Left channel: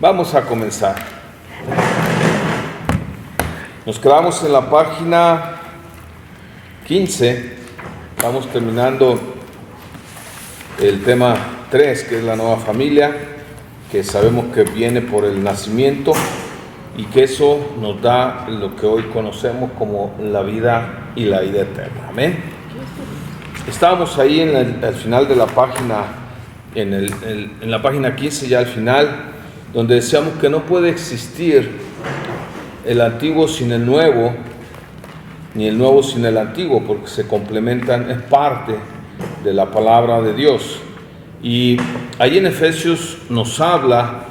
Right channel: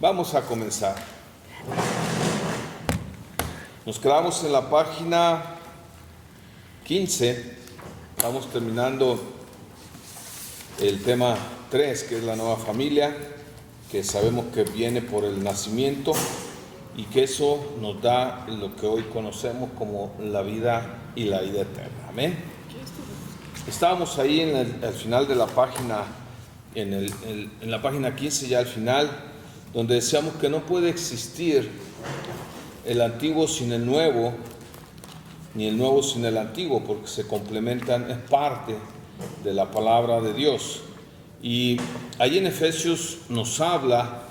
Vamos a comenzar. Nos quedamos en la página 15. Estamos terminando el tema 3, que es la nueva familia, que sabemos que viene por el nacimiento y que eso nos da lo que hoy conocemos como la vida y la vida eterna. Amén. Estábamos ahí al final de la página, en la página 15, ya al final, donde decíamos que no puede existir el antiguo sin el nuevo, ni el nuevo sin el antiguo, porque se complementan, es parte de la palabra de Dios. Y ahí en Efesios nos habla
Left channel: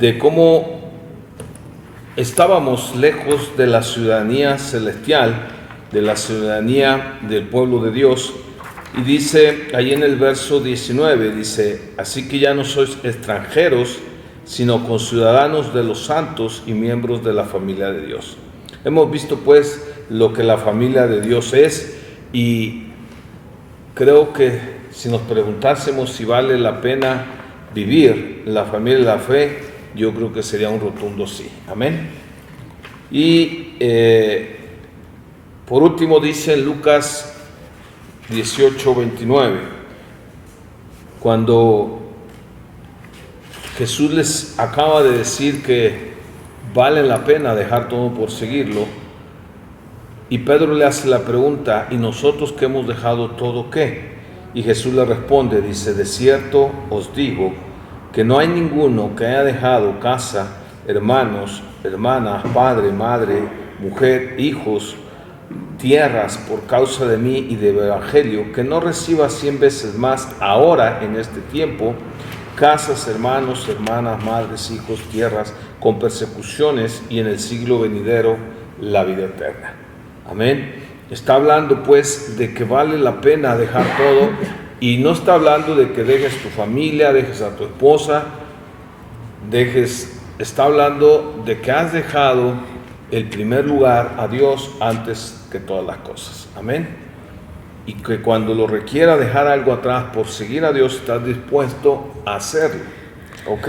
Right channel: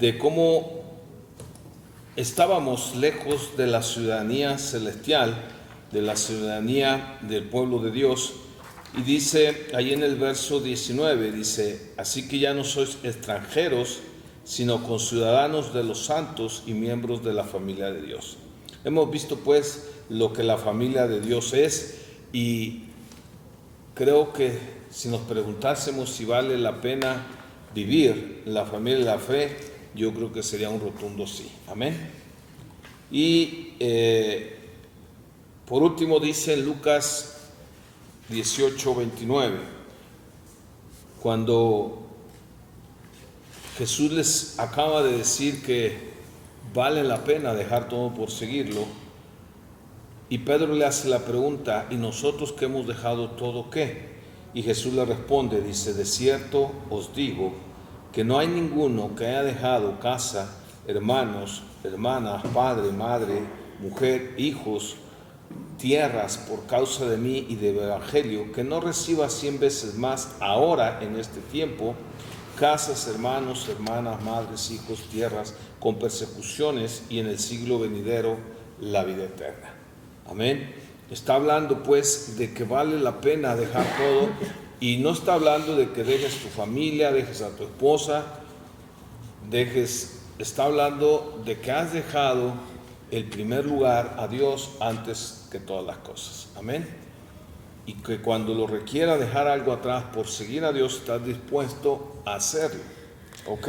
de cómo estábamos lejos de la ciudadanía celestial, de la ciudadanía del pueblo de Dios. Y dice ahí en el verso 19, dice: así que ya no sois extranjeros, sino conciudadanos de los santos y miembros de la familia de Dios. Hemos visto pues lo que la familia de Dios es, y creo que si nos preguntásemos si vale la pena vivir la familia de la fe, yo creo que sería un rotundo sí. Amén. Y por último dice en Lucas 18:29, cuando Jesús les acaba de decir que vale la pena dejar todo por seguirlo, y Pedro le hace la pregunta: ¿y nosotros que hemos dejado todo qué? Y Jesús le responde, dice: de cierto os digo que no hay ninguno que haya dejado casa, hermanos, hermanas, padre, madre, mujer, hijos, tierras por causa de mí y del evangelio, que no reciba 100 veces más ahora en este tiempo, casas, hermanos, hermanas, madres, hijos, tierras, con persecuciones, y en el siglo venidero la vida eterna. Amén. Está hablando pues de que vale la pena dejar todo, y no está hablando de que dejes tu familia, dejes a tu esposa, está hablando de que has dejado el primer lugar a Dios antes que todas las cosas. Amén. Y que cuando lo requiera dejar algo atrás por seguir a Dios, estás dispuesto a hacerlo. ¿Ok?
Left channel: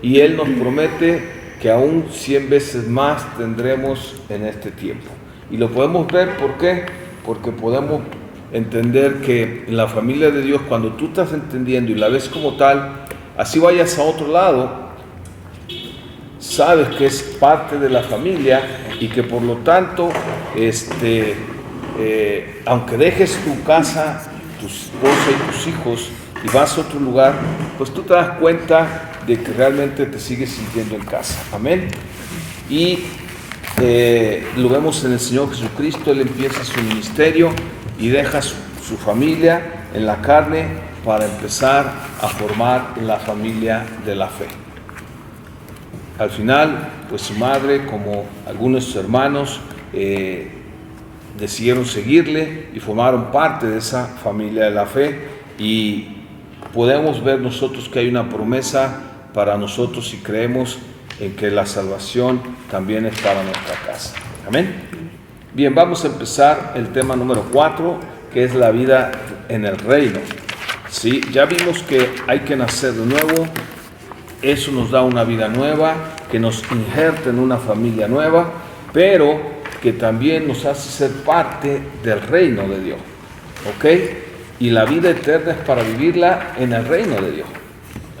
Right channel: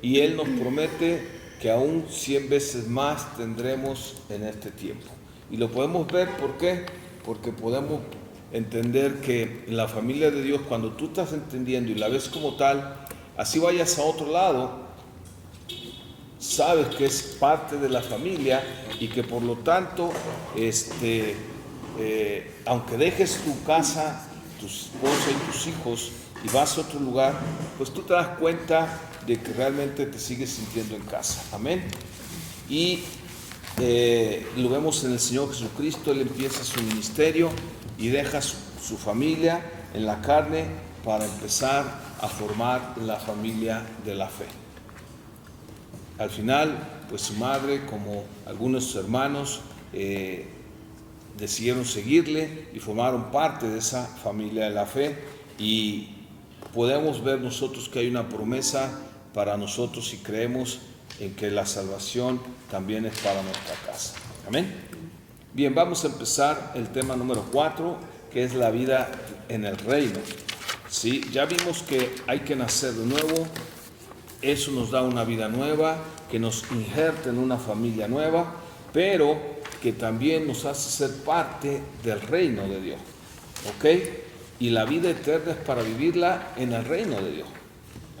Y Él nos promete que aún 100 veces más tendremos en este tiempo. Y lo podemos ver, ¿por qué? Porque podemos entender que en la familia de Dios, cuando tú estás entendiendo y la ves como tal, así vayas a otro lado, sabes que es parte de la familia y que por lo tanto, aunque dejes tu casa, tu esposa y tus hijos y vas a otro lugar, pues tú te das cuenta de que realmente te sigues sintiendo en casa. Amén. Y lo vemos en el Señor Jesucristo. Él empieza su ministerio y deja su familia en la carne para empezar a formar la familia de la fe. Al final, pues su madre, como algunos de sus hermanos, decidieron seguirle y formaron parte de esa familia de la fe, y podemos ver nosotros que hay una promesa para nosotros si creemos en que la salvación también es para nuestra casa. Amén. Bien, vamos a empezar el tema número 4, que es la vida en el reino. ¿Sí? Ya vimos que hay que nacer de nuevo. Eso nos da una vida nueva, que nos injerta en una familia nueva, pero que también nos hace ser parte del reino de Dios. ¿Ok? Y la vida eterna es para vivirla en el reino de Dios.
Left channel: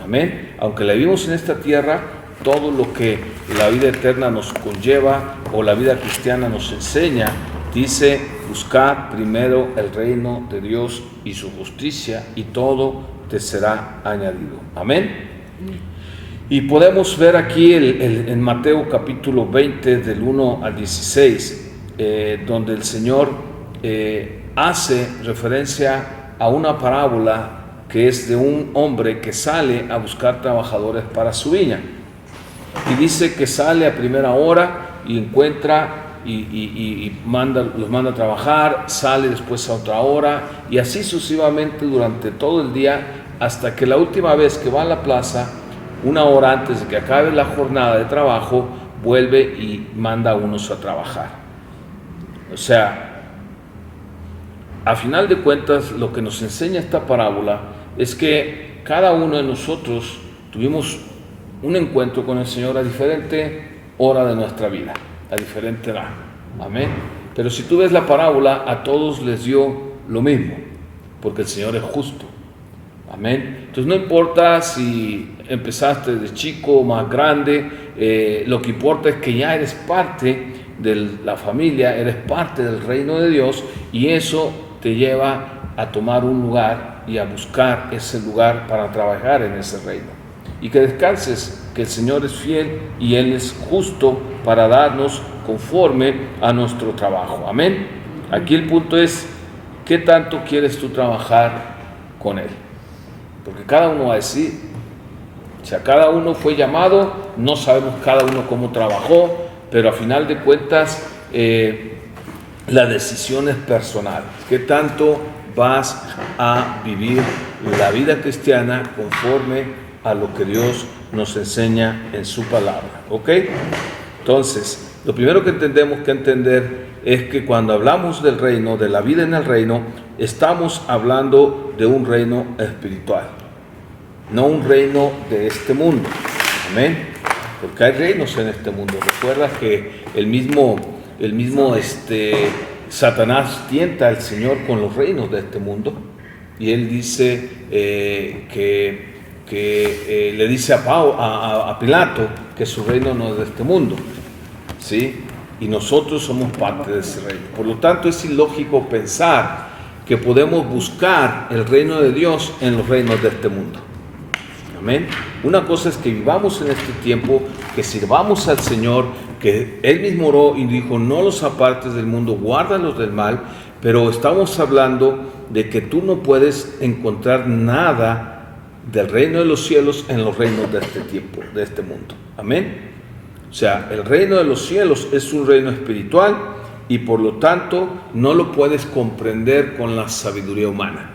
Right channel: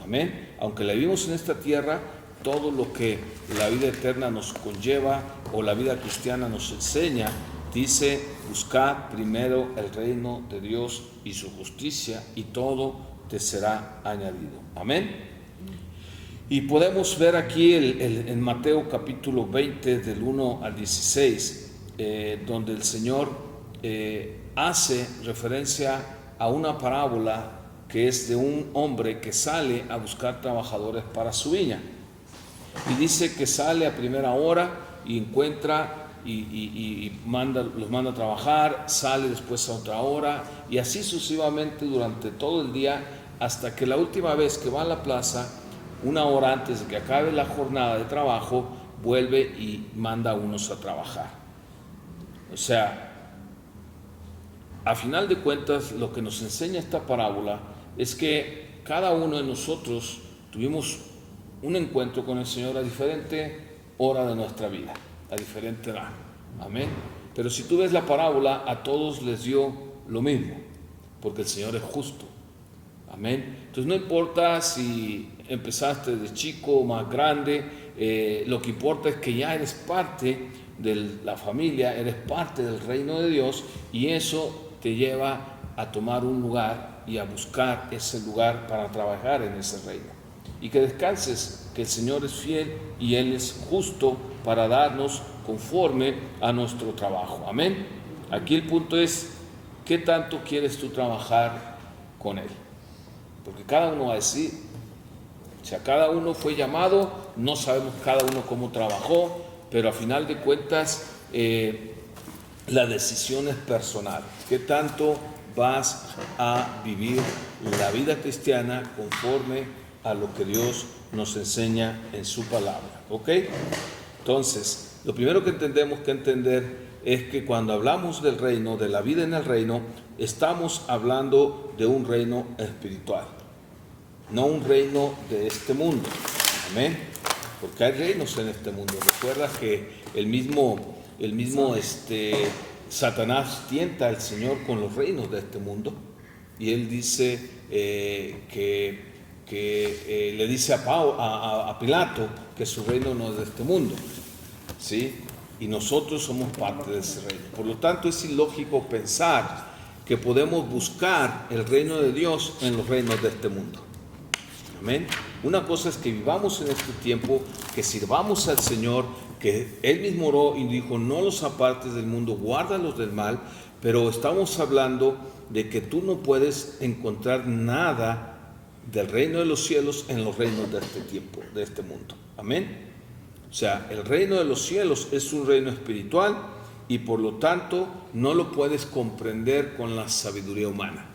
Amén. Aunque la vivimos en esta tierra, todo lo que la vida eterna nos conlleva, o la vida cristiana nos enseña, dice: buscad primero el reino de Dios y su justicia, y todo te será añadido. Amén. Y podemos ver aquí en Mateo capítulo 20, del 1 al 16, donde el Señor hace referencia a una parábola que es de un hombre que sale a buscar trabajadores para su viña. Y dice que sale a primera hora y encuentra y los manda a trabajar, sale después a otra hora, y así sucesivamente durante todo el día, hasta que la última vez que va a la plaza, una hora antes de que acabe la jornada de trabajo, vuelve y manda a unos a trabajar. O sea, a final de cuentas, lo que nos enseña esta parábola es que cada uno de nosotros tuvimos un encuentro con el Señor a diferente hora de nuestra vida, a diferente edad. Amén. Pero si tú ves la parábola, a todos les dio lo mismo, porque el Señor es justo. Amén. Entonces no importa si empezaste de chico o más grande, lo que importa es que ya eres parte de la familia, eres parte del reino de Dios, y eso te lleva a tomar un lugar y a buscar ese lugar para trabajar en ese reino. Y que descanses, que el Señor es fiel y Él es justo para darnos conforme a nuestro trabajo. Amén. Aquí el punto es, ¿qué tanto quieres tú trabajar con Él? Porque cada uno va a decir, o sea, cada uno fue llamado, no sabemos cada uno cómo trabajó, pero a final de cuentas la decisión es personal. ¿Qué tanto vas a vivir la vida cristiana conforme a lo que Dios nos enseña en su palabra? ¿Ok? Entonces, lo primero que tenemos que entender es que cuando hablamos del reino, de la vida en el reino, estamos hablando de un reino espiritual, no un reino de este mundo. Amén. Porque hay reinos en este mundo. Recuerda que el mismo Satanás tienta al Señor con los reinos de este mundo, y él dice que le dice a Pilato que su reino no es de este mundo, ¿sí? Y nosotros somos parte de ese reino. Por lo tanto, es ilógico pensar que podemos buscar el reino de Dios en los reinos de este mundo. Amén. Una cosa es que vivamos en este tiempo, que sirvamos al Señor, que Él mismo oró y dijo, no los apartes del mundo, guárdalos del mal, pero estamos hablando de que tú no puedes encontrar nada del reino de los cielos en los reinos de este tiempo, de este mundo. Amén. O sea, el reino de los cielos es un reino espiritual y por lo tanto no lo puedes comprender con la sabiduría humana,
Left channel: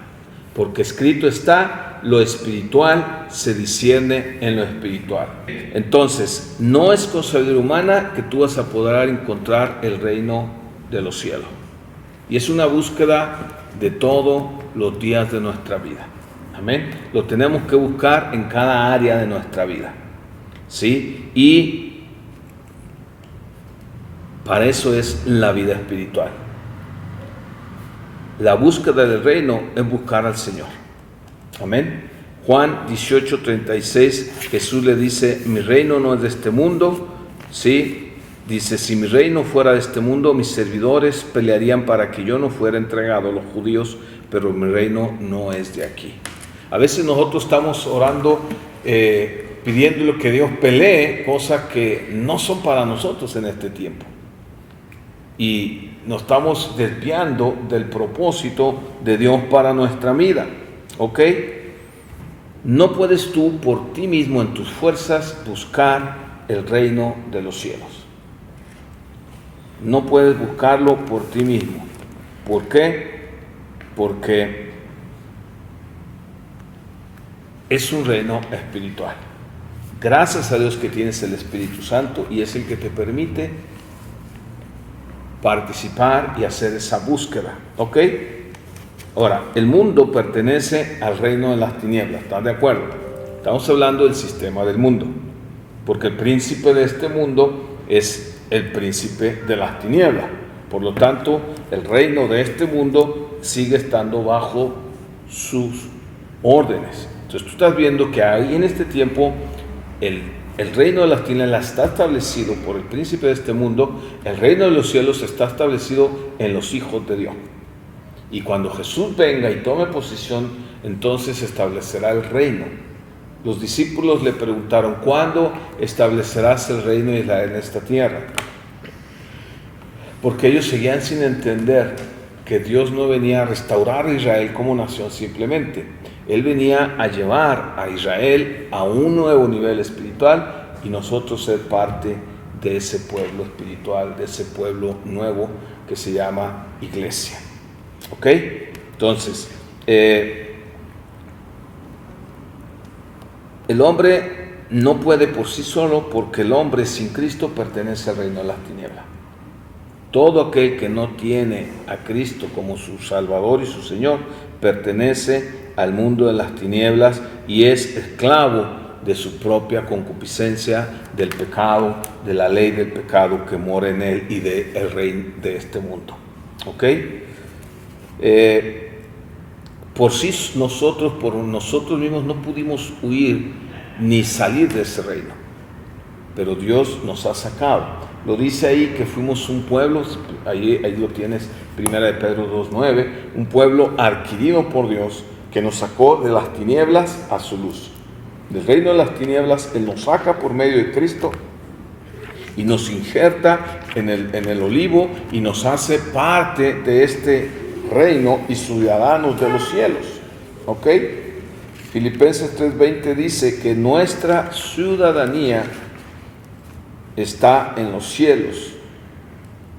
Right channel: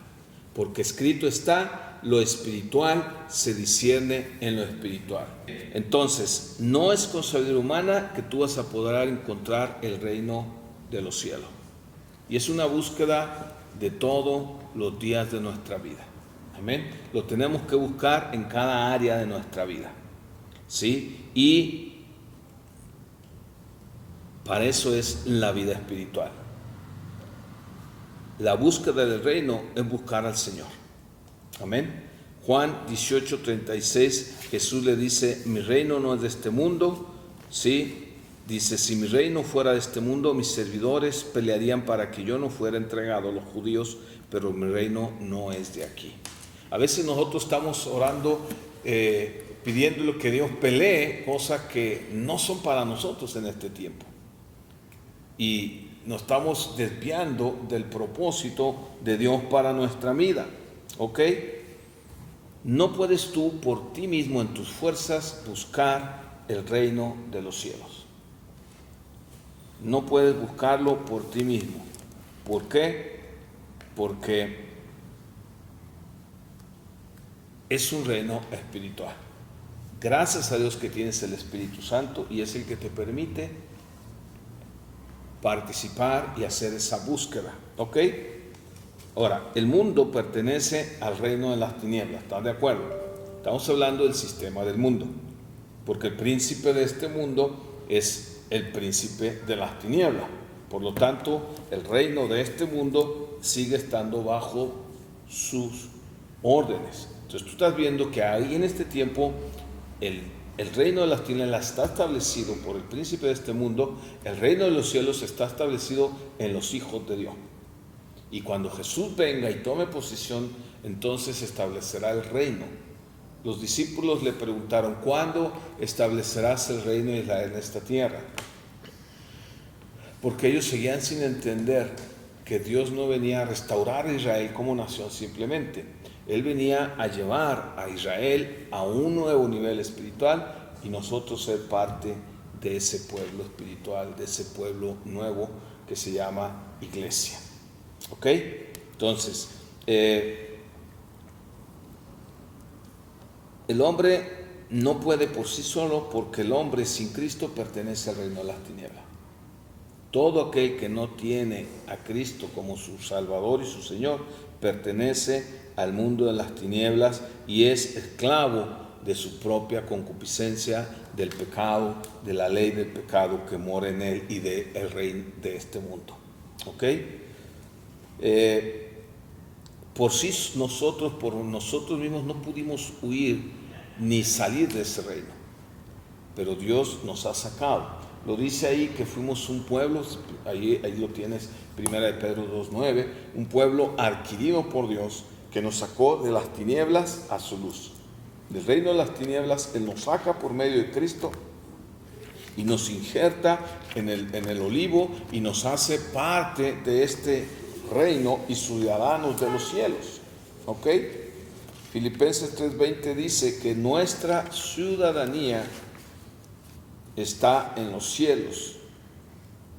porque escrito está, lo espiritual se discierne en lo espiritual. Entonces, no es con sabiduría humana que tú vas a poder encontrar el reino de los cielos. Y es una búsqueda de todos los días de nuestra vida. Amén. Lo tenemos que buscar en cada área de nuestra vida, ¿sí? Y para eso es la vida espiritual. La búsqueda del reino es buscar al Señor. Amén. Juan 18:36, Jesús le dice, mi reino no es de este mundo, ¿sí? Dice, si mi reino fuera de este mundo, mis servidores pelearían para que yo no fuera entregado a los judíos, pero mi reino no es de aquí. A veces nosotros estamos orando, pidiéndole que Dios pelee cosas que no son para nosotros en este tiempo. Y nos estamos desviando del propósito de Dios para nuestra vida. ¿Ok? No puedes tú por ti mismo en tus fuerzas buscar el reino de los cielos. No puedes buscarlo por ti mismo. ¿Por qué? Porque es un reino espiritual. Gracias a Dios que tienes el Espíritu Santo y es el que te permite participar y hacer esa búsqueda. ¿Ok? Ahora, el mundo pertenece al reino de las tinieblas, ¿están de acuerdo? Estamos hablando del sistema del mundo, porque el príncipe de este mundo es el príncipe de las tinieblas. Por lo tanto, el reino de este mundo sigue estando bajo sus órdenes. Entonces tú estás viendo que ahí en este tiempo el reino de las tinieblas está establecido por el príncipe de este mundo, el reino de los cielos está establecido en los hijos de Dios. Y cuando Jesús venga y tome posesión, entonces establecerá el reino. Los discípulos le preguntaron, ¿cuándo establecerás el reino de Israel en esta tierra? Porque ellos seguían sin entender que Dios no venía a restaurar a Israel como nación simplemente. Él venía a llevar a Israel a un nuevo nivel espiritual y nosotros ser parte de ese pueblo espiritual, de ese pueblo nuevo que se llama iglesia. ¿Ok? Entonces, el hombre no puede por sí solo porque el hombre sin Cristo pertenece al reino de las tinieblas. Todo aquel que no tiene a Cristo como su Salvador y su Señor pertenece al mundo de las tinieblas y es esclavo de su propia concupiscencia, del pecado, de la ley del pecado que mora en él y del rey de este mundo. ¿Ok? Por nosotros mismos no pudimos huir ni salir de ese reino, pero Dios nos ha sacado. Lo dice ahí que fuimos un pueblo, ahí lo tienes, 1 Pedro 2:9, un pueblo adquirido por Dios que nos sacó de las tinieblas a su luz. Del reino de las tinieblas, Él nos saca por medio de Cristo y nos injerta en el olivo y nos hace parte de este reino y ciudadanos de los cielos. ¿Ok? Filipenses 3:20 dice que nuestra ciudadanía está en los cielos,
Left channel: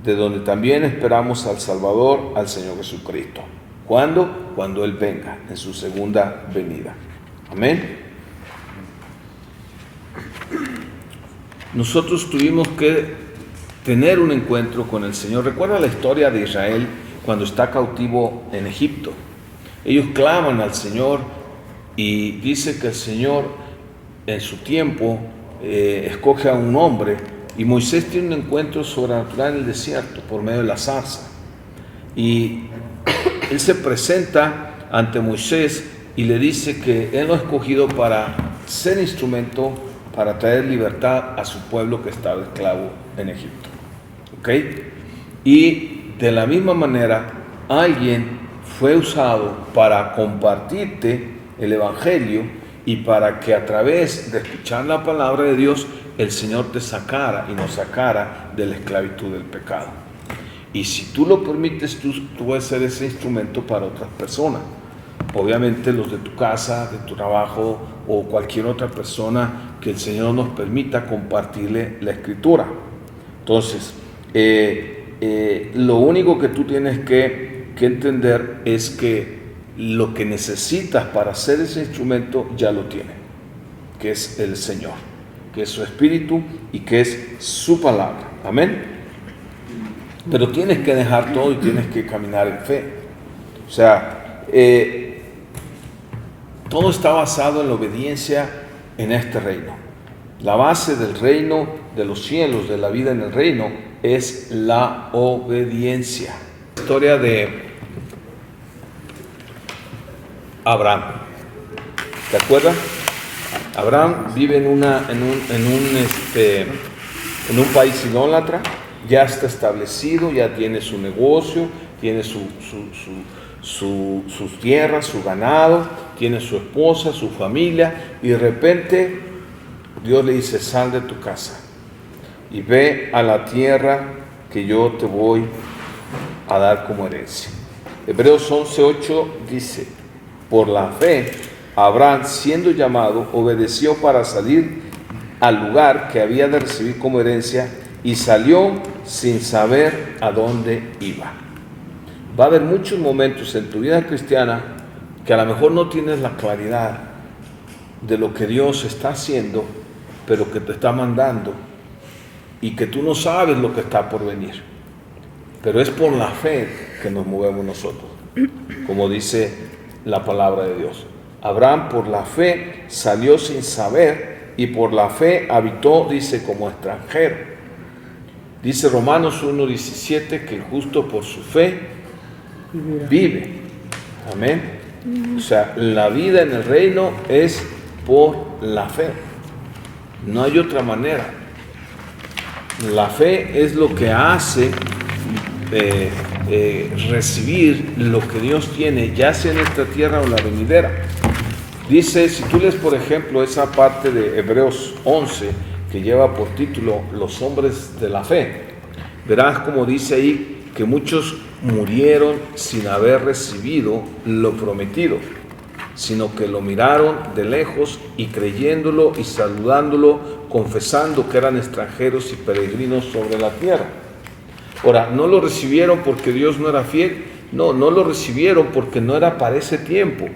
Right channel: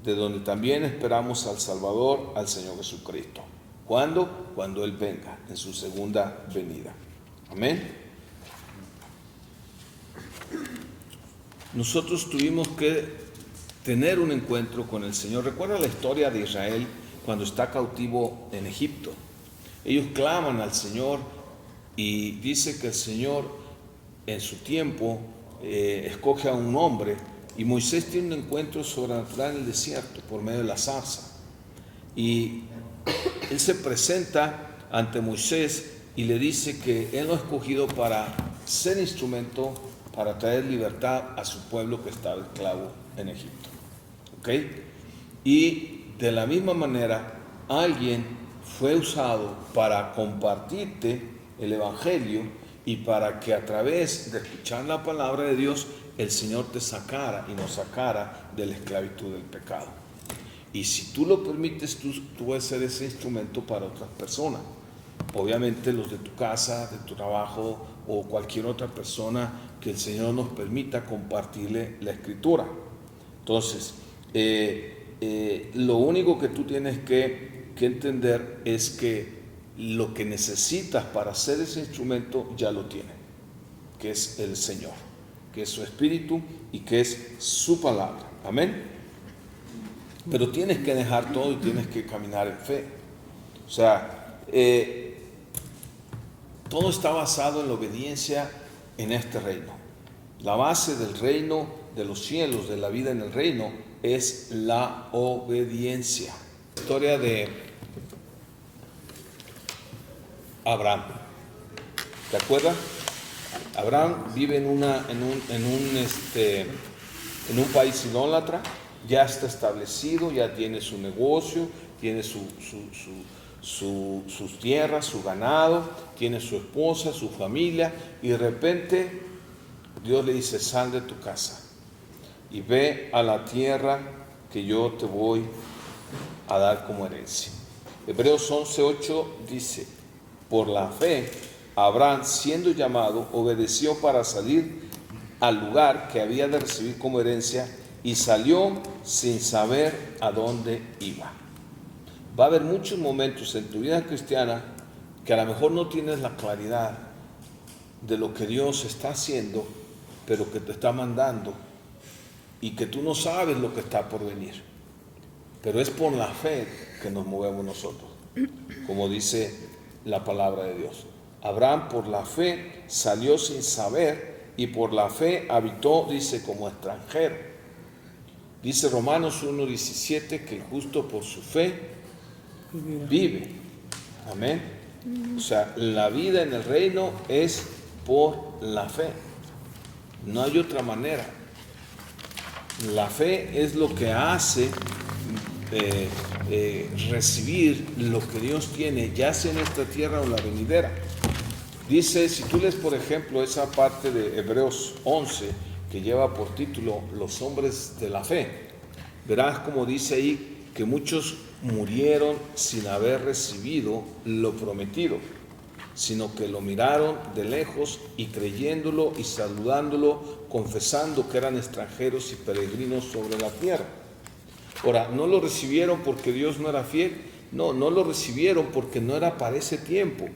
de donde también esperamos al Salvador, al Señor Jesucristo. ¿Cuándo? Cuando Él venga, en su segunda venida. Amén. Nosotros tuvimos que tener un encuentro con el Señor. Recuerda la historia de Israel cuando está cautivo en Egipto. Ellos claman al Señor y dice que el Señor en su tiempo escoge a un hombre, y Moisés tiene un encuentro sobrenatural en el desierto por medio de la zarza, y él se presenta ante Moisés y le dice que él lo ha escogido para ser instrumento para traer libertad a su pueblo que estaba esclavo en Egipto. ¿Ok? Y de la misma manera, alguien fue usado para compartirte el Evangelio y para que a través de escuchar la palabra de Dios, el Señor te sacara y nos sacara de la esclavitud del pecado. Y si tú lo permites, tú vas a ser ese instrumento para otras personas. Obviamente los de tu casa, de tu trabajo o cualquier otra persona que el Señor nos permita compartirle la Escritura. Entonces, lo único que tú tienes que entender es que lo que necesitas para ser ese instrumento ya lo tiene, que es el Señor, que es su Espíritu y que es su palabra. Amén. Pero tienes que dejar todo y tienes que caminar en fe. O sea, todo está basado en la obediencia en este reino. La base del reino de los cielos, de la vida en el reino, es la obediencia. La historia de Abraham. ¿Te acuerdas? Abraham vive en un país idólatra, ya está establecido, ya tiene su negocio, tiene sus tierras, su ganado, tiene su esposa, su familia, y de repente Dios le dice: sal de tu casa y ve a la tierra que yo te voy a dar como herencia. Hebreos 11:8 dice: por la fe, Abraham, siendo llamado, obedeció para salir al lugar que había de recibir como herencia, y salió sin saber a dónde iba. Va a haber muchos momentos en tu vida cristiana que a lo mejor no tienes la claridad de lo que Dios está haciendo, pero que te está mandando, y que tú no sabes lo que está por venir. Pero es por la fe que nos movemos nosotros, como dice la palabra de Dios. Abraham por la fe salió sin saber, y por la fe habitó, dice, como extranjero. Dice Romanos 1:17 que el justo por su fe vive. Amén. O sea, la vida en el reino es por la fe. No hay otra manera. La fe es lo que hace recibir lo que Dios tiene, ya sea en esta tierra o la venidera. Dice, si tú lees por ejemplo esa parte de Hebreos 11 que lleva por título los hombres de la fe, verás como dice ahí que muchos murieron sin haber recibido lo prometido, sino que lo miraron de lejos y creyéndolo y saludándolo, confesando que eran extranjeros y peregrinos sobre la tierra. Ahora, no lo recibieron porque Dios no era fiel, no lo recibieron porque no era para ese tiempo,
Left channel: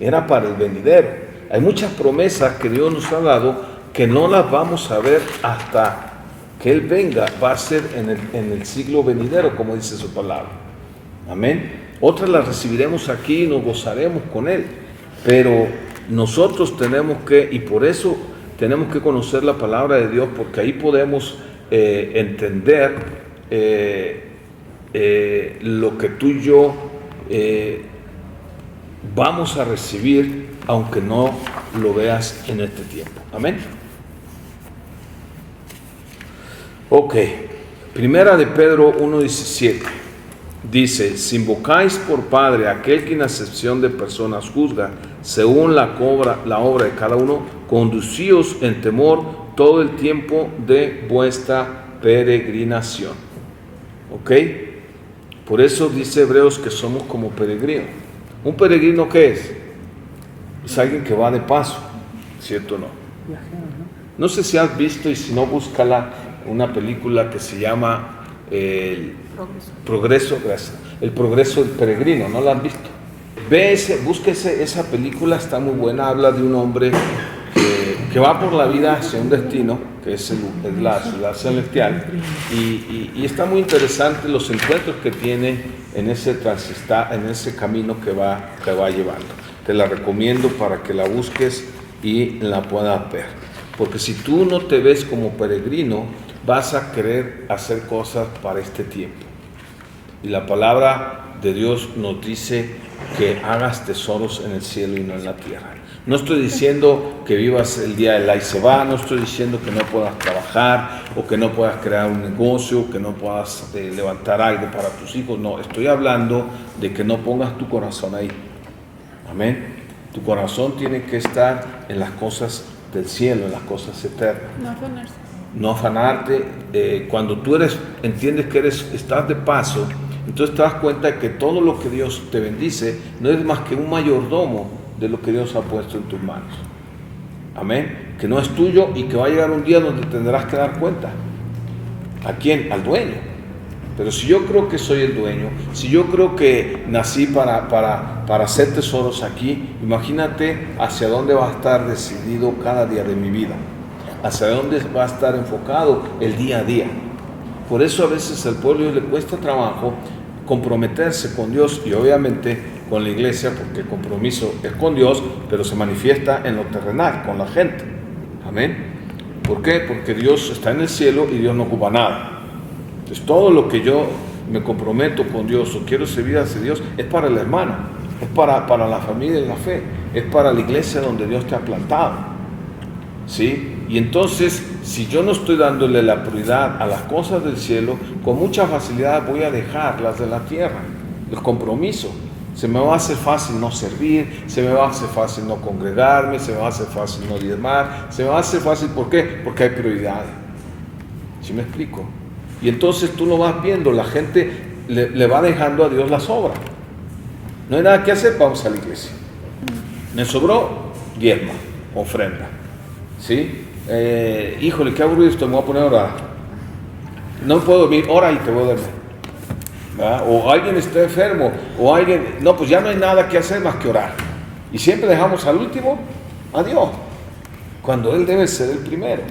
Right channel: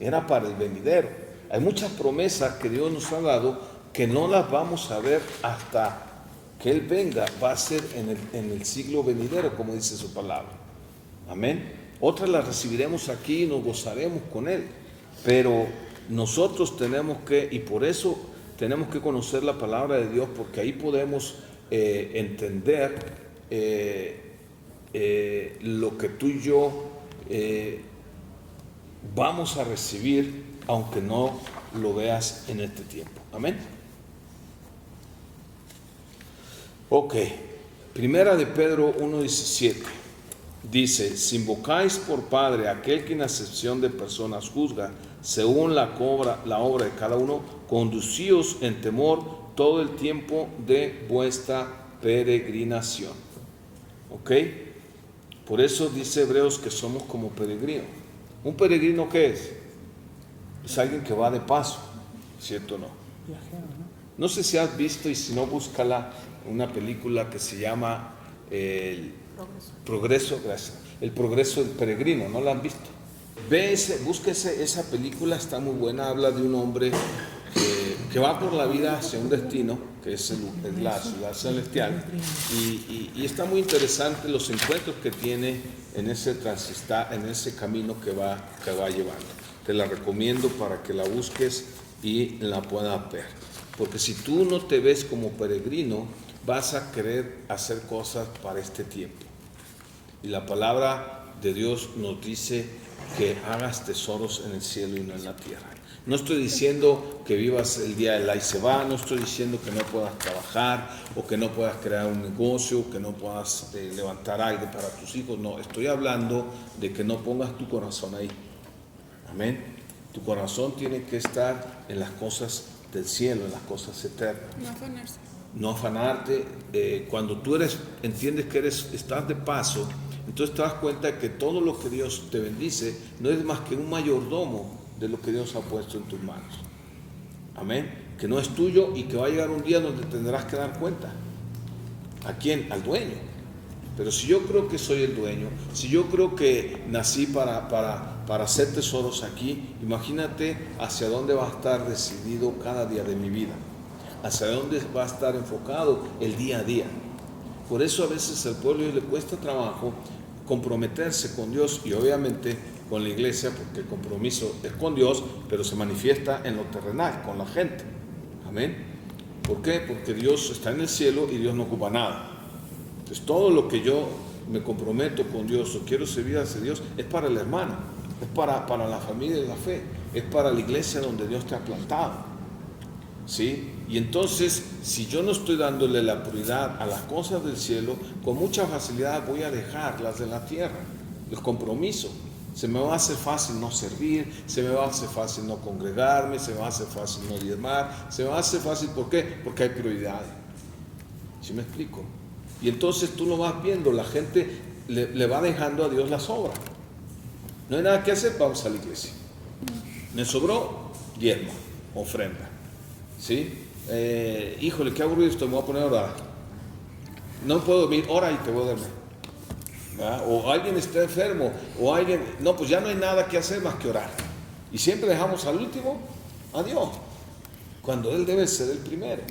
era para el venidero. Hay muchas promesas que Dios nos ha dado que no las vamos a ver hasta que Él venga, va a ser en el siglo venidero, como dice su palabra. Amén. Otras las recibiremos aquí y nos gozaremos con Él, pero nosotros tenemos que, y por eso tenemos que conocer la palabra de Dios, porque ahí podemos entender lo que tú y yo vamos a recibir, aunque no lo veas en este tiempo. Amén. Ok, primera de Pedro 1:17 dice: si invocáis por Padre a aquel que en acepción de personas juzga según la obra de cada uno, conducíos en temor todo el tiempo de vuestra peregrinación. Ok, por eso dice Hebreos que somos como peregrinos. ¿Un peregrino qué es? Es alguien que va de paso, ¿cierto o no? No sé si has visto, y si no, búscala, una película que se llama El Progreso del Peregrino. ¿No la han visto? Búsquese esa película, está muy buena. Habla de un hombre que va por la vida hacia un destino, que es la ciudad celestial, y está muy interesante los encuentros que tiene en ese camino que va llevando. Te la recomiendo para que la busques y la puedas ver, porque si tú no te ves como peregrino, vas a querer hacer cosas para este tiempo, y la palabra de Dios nos dice que hagas tesoros en el cielo y no en la tierra. No estoy diciendo que vivas el día del ahí se va, no estoy diciendo que no puedas trabajar o que no puedas crear un negocio, que no puedas levantar algo para tus hijos. No, estoy hablando de que no pongas tu corazón ahí. Amén. Tu corazón tiene que estar en las cosas del cielo, en las cosas eternas. No afanarse. No afanarte. Cuando tú entiendes que estás de paso, entonces te das cuenta que todo lo que Dios te bendice no es más que un mayordomo de lo que Dios ha puesto en tus manos. Amén. Que no es tuyo y que va a llegar un día donde tendrás que dar cuenta. ¿A quién? Al dueño. Pero si yo creo que soy el dueño, si yo creo que nací para hacer tesoros aquí, imagínate hacia dónde va a estar decidido cada día de mi vida, hacia dónde va a estar enfocado el día a día. Por eso a veces al pueblo le cuesta trabajo comprometerse con Dios y obviamente con la iglesia, porque el compromiso es con Dios, pero se manifiesta en lo terrenal, con la gente. Amén. ¿Por qué? Porque Dios está en el cielo y Dios no ocupa nada. Entonces todo lo que yo me comprometo con Dios o quiero servir hacia Dios es para el hermano, es para la familia de la fe, es para la iglesia donde Dios te ha plantado. ¿Sí? Y entonces, si yo no estoy dándole la prioridad a las cosas del cielo, con mucha facilidad voy a dejar las de la tierra, el compromiso. Se me va a hacer fácil no servir, se me va a hacer fácil no congregarme, se me va a hacer fácil no diezmar, se me va a hacer fácil, ¿por qué? Porque hay prioridad. ¿Sí me explico? Y entonces tú lo vas viendo, la gente le va dejando a Dios las obras. No hay nada que hacer, vamos a la iglesia. Me sobró, diezma, ofrenda. ¿Sí? Híjole, qué aburrido esto, me voy a poner a orar. No puedo dormir, ora y te voy a dormir. ¿verdad? O alguien está enfermo, o alguien, no, pues ya no hay nada que hacer más que orar. Y siempre dejamos al último a Dios, cuando Él debe ser el primero.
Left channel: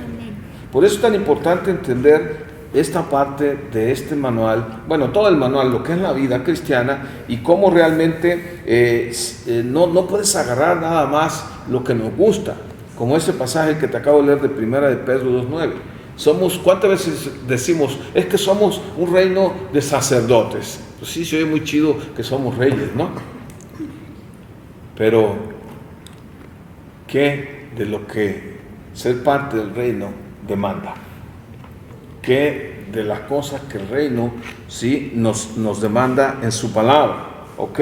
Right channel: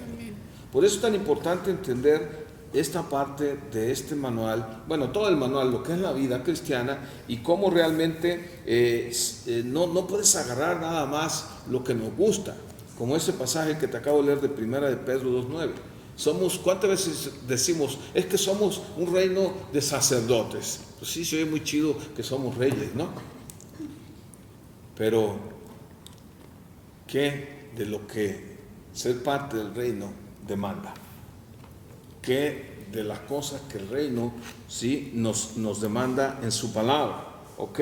Por eso es tan importante entender esta parte de este manual, bueno, todo el manual, lo que es la vida cristiana y cómo realmente no puedes agarrar nada más lo que nos gusta, como ese pasaje que te acabo de leer de primera de Pedro 2:9. ¿Cuántas veces decimos, es que somos un reino de sacerdotes? Pues sí, se oye muy chido que somos reyes, ¿no? Pero, ¿qué de lo que ser parte del reino demanda? ¿Qué de las cosas que el reino sí nos demanda en su palabra? ¿Ok?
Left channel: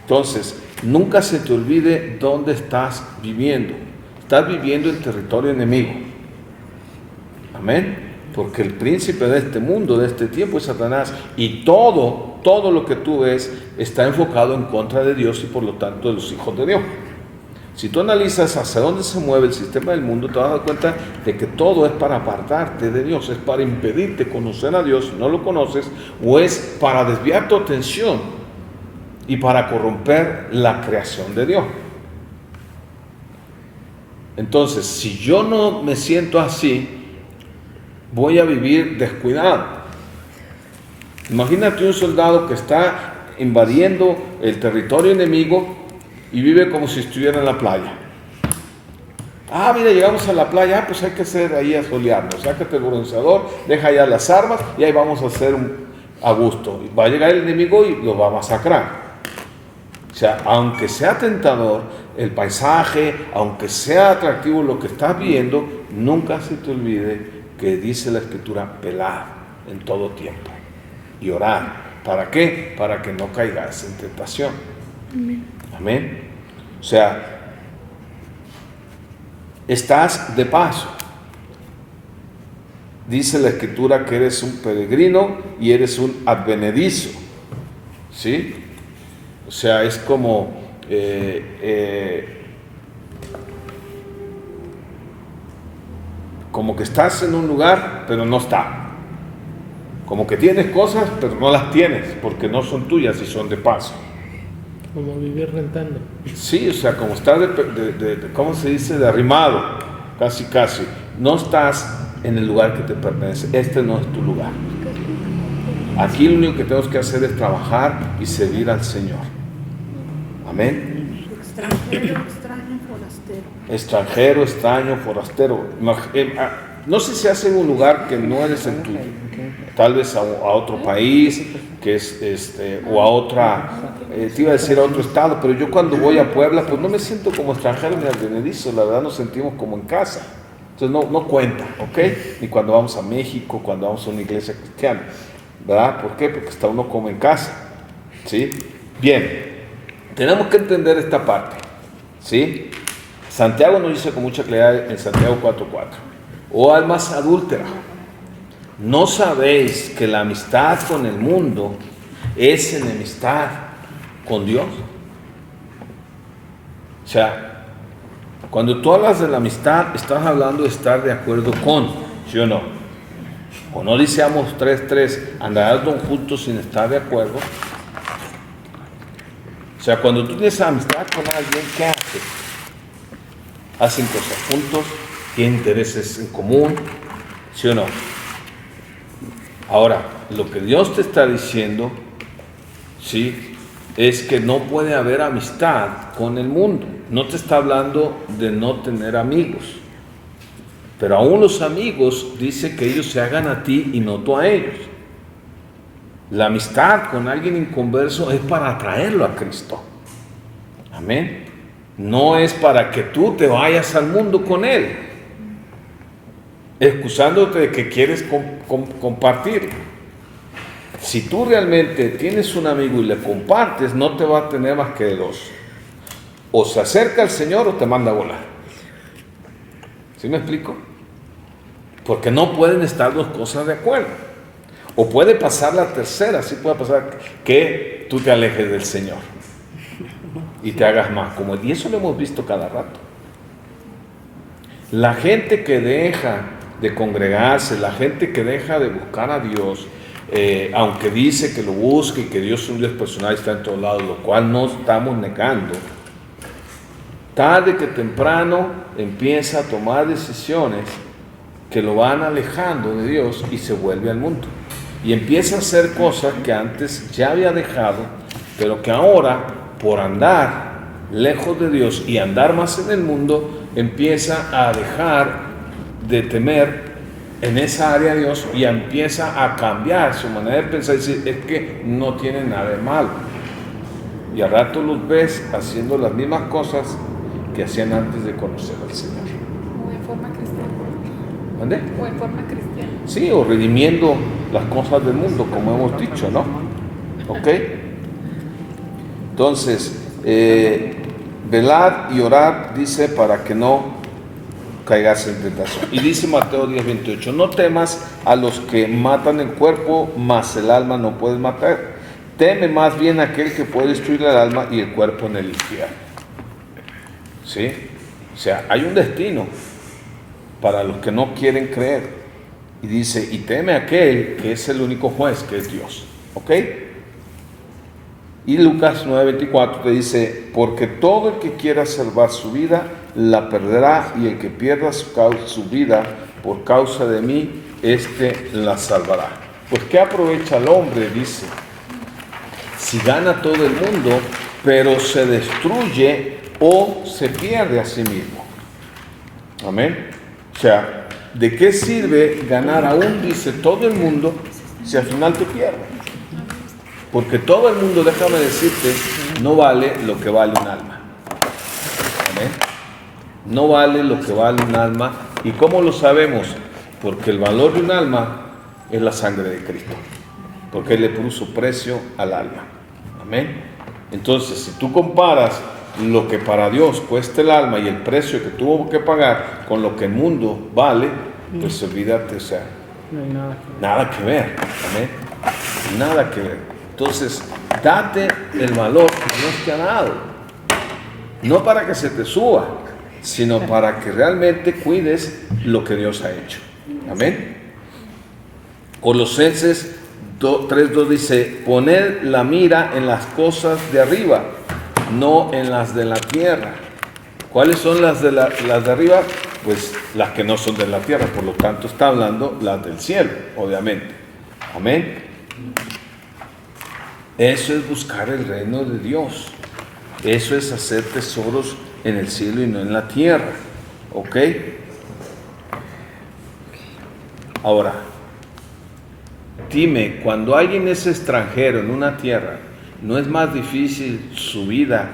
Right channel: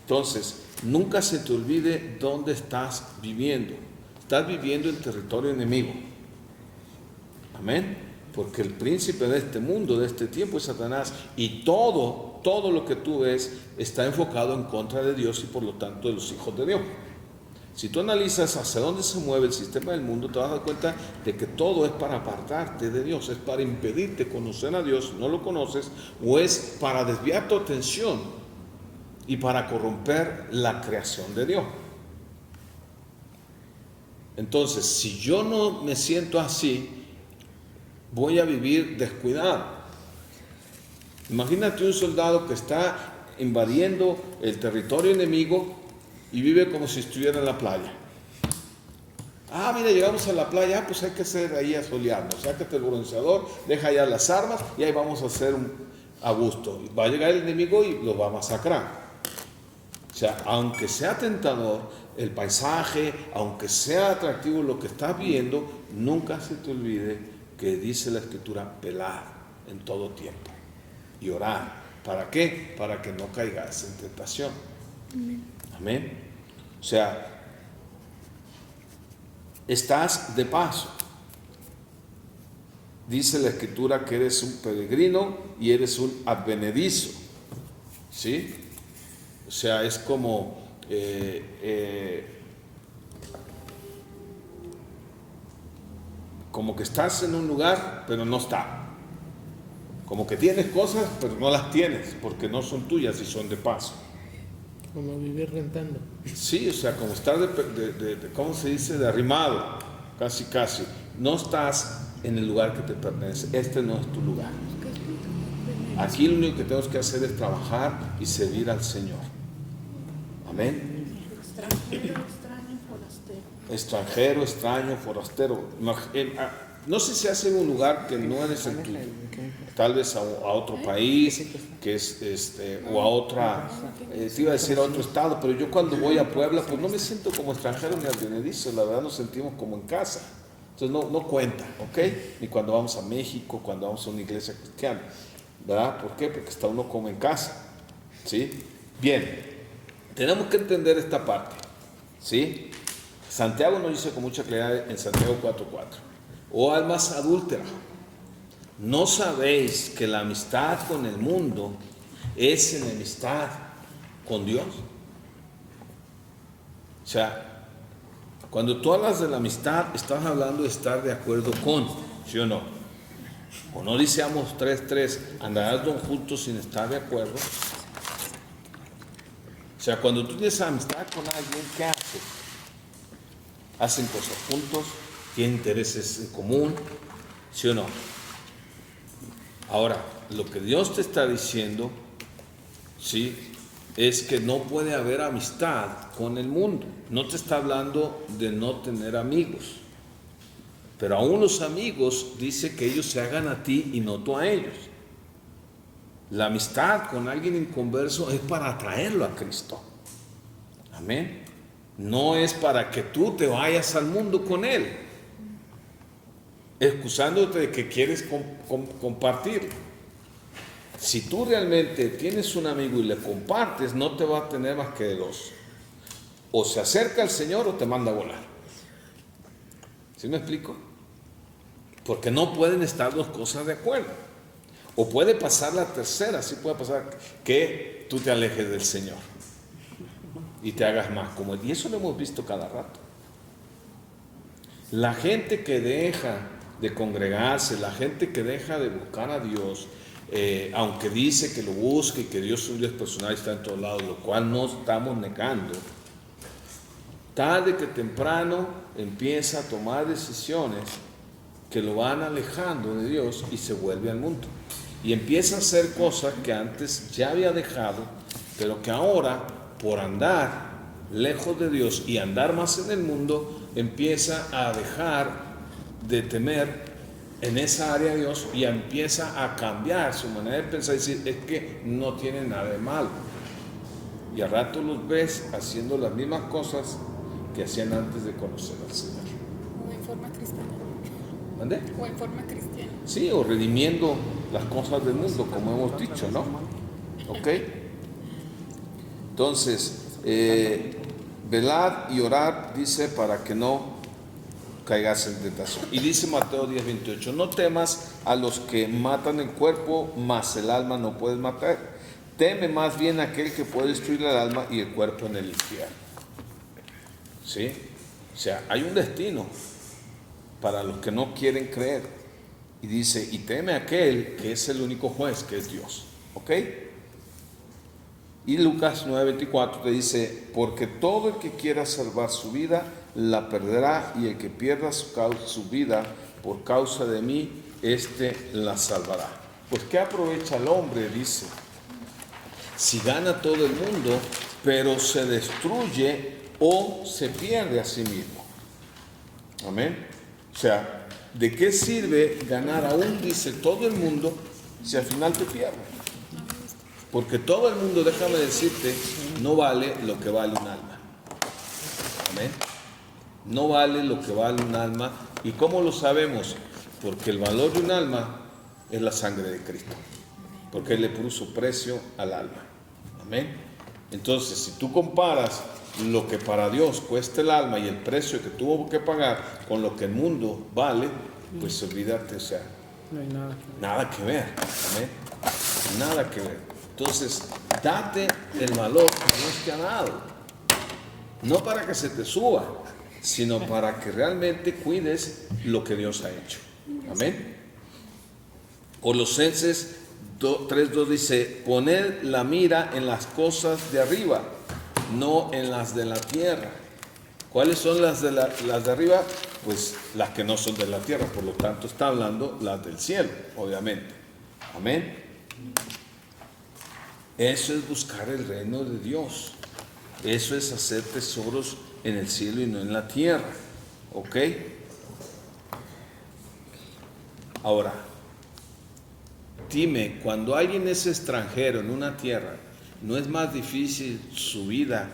Entonces, nunca se te olvide dónde estás viviendo. Estás viviendo en territorio enemigo. Amén. Porque el príncipe de este mundo, de este tiempo, es Satanás. Y todo lo que tú ves está enfocado en contra de Dios y por lo tanto de los hijos de Dios. Si tú analizas hacia dónde se mueve el sistema del mundo, te vas a dar cuenta de que todo es para apartarte de Dios, es para impedirte conocer a Dios si no lo conoces, o es para desviar tu atención y para corromper la creación de Dios. Entonces, si yo no me siento así, voy a vivir descuidado. Imagínate un soldado que está invadiendo el territorio enemigo y vive como si estuviera en la playa. Ah, mira, llegamos a la playa, pues hay que hacer ahí a solearnos, sácate el bronceador, deja ya las armas y ahí vamos a hacer a gusto. Va a llegar el enemigo y lo va a masacrar. O sea, aunque sea tentador el paisaje, aunque sea atractivo lo que estás viendo, nunca se te olvide que dice la Escritura, velar en todo tiempo y orar. ¿Para qué? Para que no caigas en tentación. Amén. Amén. O sea, estás de paso. Dice la Escritura que eres un peregrino y eres un advenedizo. ¿Sí? O sea, es como como que estás en un lugar, pero no está. Como que tienes cosas, pero no las tienes, porque no son tuyas y son de paso. Como vivir rentando. Sí, o sea, como estás ¿cómo se dice? De arrimado, casi. No estás en el lugar que te pertenece. Este no es tu lugar. Aquí lo único que tenemos que hacer es trabajar y servir al Señor. Amén. Extranjero, extraño, forastero. Extranjero, extraño, forastero. No sé si hace en un lugar que no eres el tuyo. Tal vez a otro país, que es o a otra, te iba a decir a otro estado, pero yo cuando voy a Puebla, pues no me siento como extranjero ni advenedizo, la verdad nos sentimos como en casa. Entonces no cuenta, ¿ok? Ni cuando vamos a México, cuando vamos a una iglesia cristiana, ¿verdad? ¿Por qué? Porque está uno como en casa, ¿sí? Bien, tenemos que entender esta parte, ¿sí? Santiago nos dice con mucha claridad en Santiago 4:4, oh almas adúlteras, ¿no sabéis que la amistad con el mundo es enemistad con Dios? O sea, cuando tú hablas de la amistad, estás hablando de estar de acuerdo con, ¿sí o no? O no dice Amos 3:3, andarás juntos sin estar de acuerdo. O sea, cuando tú tienes amistad con alguien, ¿qué haces? Hacen cosas juntos, tienen intereses en común, ¿sí o no? Ahora, lo que Dios te está diciendo, ¿sí?, es que no puede haber amistad con el mundo. No te está hablando de no tener amigos. Pero aún los amigos dice que ellos se hagan a ti y no tú a ellos. La amistad con alguien inconverso es para atraerlo a Cristo. Amén. No es para que tú te vayas al mundo con él, excusándote de que quieres compartir. Si tú realmente tienes un amigo y le compartes, no te va a tener más que dos. O se acerca al Señor o te manda a volar. ¿Sí me explico? Porque no pueden estar dos cosas de acuerdo. O puede pasar la tercera, sí puede pasar que tú te alejes del Señor y te hagas más como él. Y eso lo hemos visto cada rato. La gente que deja de congregarse, la gente que deja de buscar a Dios, aunque dice que lo busque y que Dios es un Dios personal y está en todos lados, lo cual no estamos negando, tarde que temprano empieza a tomar decisiones que lo van alejando de Dios y se vuelve al mundo. Y empieza a hacer cosas que antes ya había dejado, pero que ahora, por andar lejos de Dios y andar más en el mundo, empieza a dejar de temer en esa área de Dios y empieza a cambiar su manera de pensar y decir, es que no tiene nada de malo. Y al rato los ves haciendo las mismas cosas que hacían antes de conocer al Señor. O en forma cristiana. ¿Dónde? O en forma cristiana. Sí, o redimiendo las cosas del mundo, como hemos dicho, ¿no? ¿Ok? Entonces, velar y orar, dice, para que no caigas en tentación. Y dice Mateo 10:28, no temas a los que matan el cuerpo, mas el alma no puedes matar. Teme más bien a aquel que puede destruir el alma y el cuerpo en el infierno. ¿Sí? O sea, hay un destino para los que no quieren creer. Y dice, y teme a aquel que es el único juez, que es Dios. ¿Ok? Y Lucas 9:24 te dice, porque todo el que quiera salvar su vida, la perderá, y el que pierda su vida por causa de mí, éste la salvará. Pues ¿qué aprovecha el hombre? Dice, si gana todo el mundo, pero se destruye o se pierde a sí mismo. Amén. O sea, ¿de qué sirve ganar aún, dice, todo el mundo si al final te pierdes? Porque todo el mundo, déjame decirte, no vale lo que vale un alma. Amén. No vale lo que vale un alma. ¿Y cómo lo sabemos? Porque el valor de un alma es la sangre de Cristo. Porque Él le puso precio al alma. Amén. Entonces, si tú comparas lo que para Dios cuesta el alma y el precio que tuvo que pagar con lo que el mundo vale, pues olvídate, o sea, No hay nada que nada que ver. Amén. Nada que ver. Entonces, date el valor que Dios te ha dado. No para que se te suba, sino para que realmente cuides lo que Dios ha hecho. Amén. Colosenses 3:2 dice, poned la mira en las cosas de arriba, no en las de la tierra. ¿Cuáles son las de arriba? Pues las que no son de la tierra, por lo tanto está hablando las del cielo, obviamente. Amén. Eso es buscar el reino de Dios. Eso es hacer tesoros en el cielo y no en la tierra. ¿Ok? Ahora, dime, cuando alguien es extranjero en una tierra, ¿no es más difícil su vida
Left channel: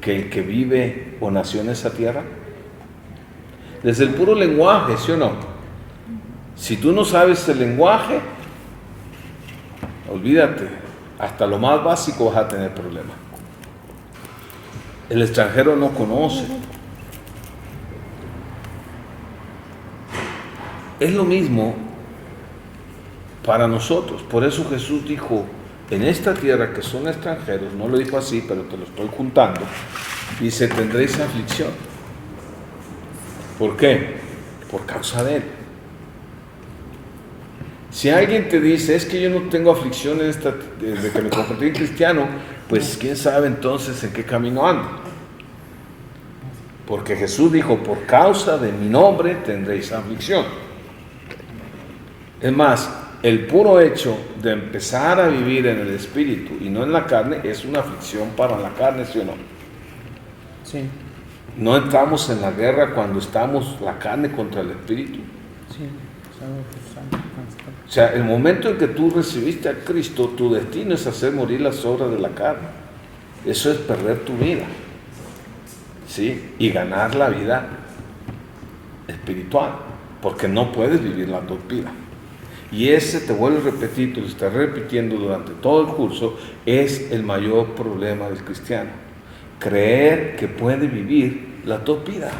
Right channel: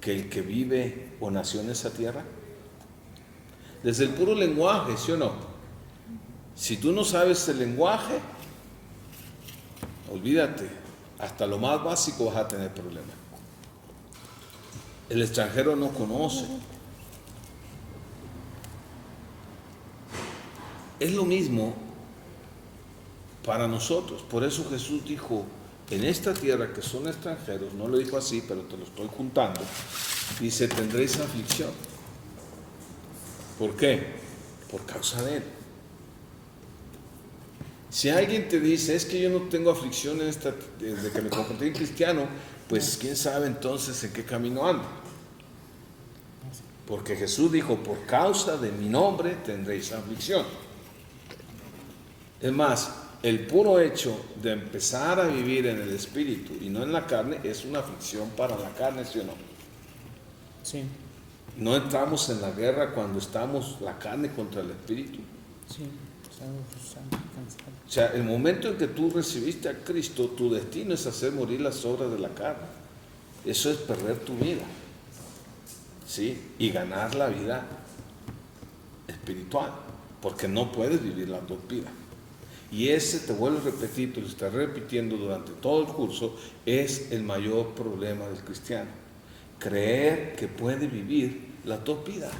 que el que vive o nació en esa tierra? Desde el puro lenguaje, ¿sí o no? Si tú no sabes el lenguaje, olvídate, hasta lo más básico vas a tener problemas. El extranjero no conoce. Es lo mismo para nosotros. Por eso Jesús dijo, en esta tierra que son extranjeros, no lo dijo así, pero te lo estoy juntando, dice, tendréis aflicción. ¿Por qué? Por causa de Él. Si alguien te dice, es que yo no tengo aflicción desde que me convertí en cristiano, pues quién sabe entonces en qué camino anda. Porque Jesús dijo, por causa de mi nombre tendréis aflicción. Es más, el puro hecho de empezar a vivir en el Espíritu y no en la carne es una aflicción para la carne, ¿sí o no? Sí, No entramos en la guerra cuando estamos la carne contra el Espíritu. sí. O sea, el momento en que tú recibiste a Cristo, tu destino es hacer morir las obras de la carne. Eso es perder tu vida, ¿sí? Y ganar la vida espiritual, porque no puedes vivir las dos vidas. Y ese, te vuelvo a repetir, te lo estaré repitiendo durante todo el curso, es el mayor problema del cristiano. Creer que puede vivir las dos vidas.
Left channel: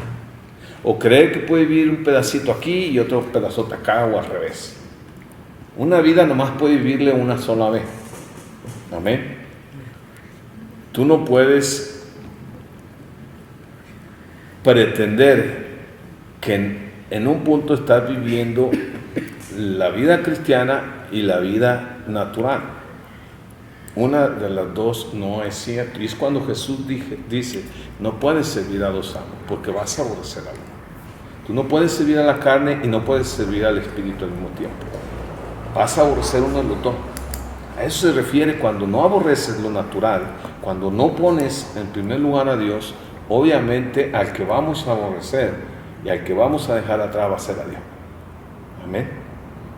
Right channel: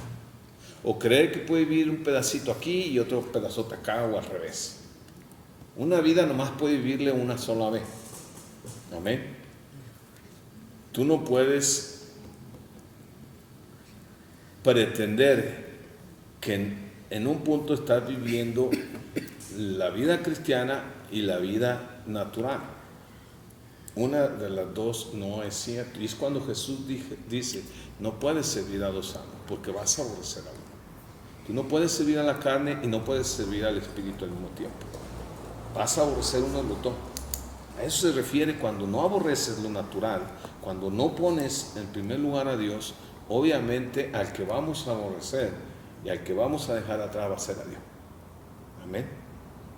O creer que puede vivir un pedacito aquí y otro pedazote acá, o al revés. Una vida nomás puede vivirle una sola vez. Amén. Tú no puedes pretender que en un punto estás viviendo la vida cristiana y la vida natural. Una de las dos no es cierto. Y es cuando Jesús dice, no puedes servir a dos amos, porque vas a aborrecer a uno. Tú no puedes servir a la carne y no puedes servir al Espíritu al mismo tiempo. Vas a aborrecer uno de los dos. A eso se refiere cuando no aborreces lo natural, cuando no pones en primer lugar a Dios, obviamente al que vamos a aborrecer y al que vamos a dejar atrás va a ser a Dios. Amén.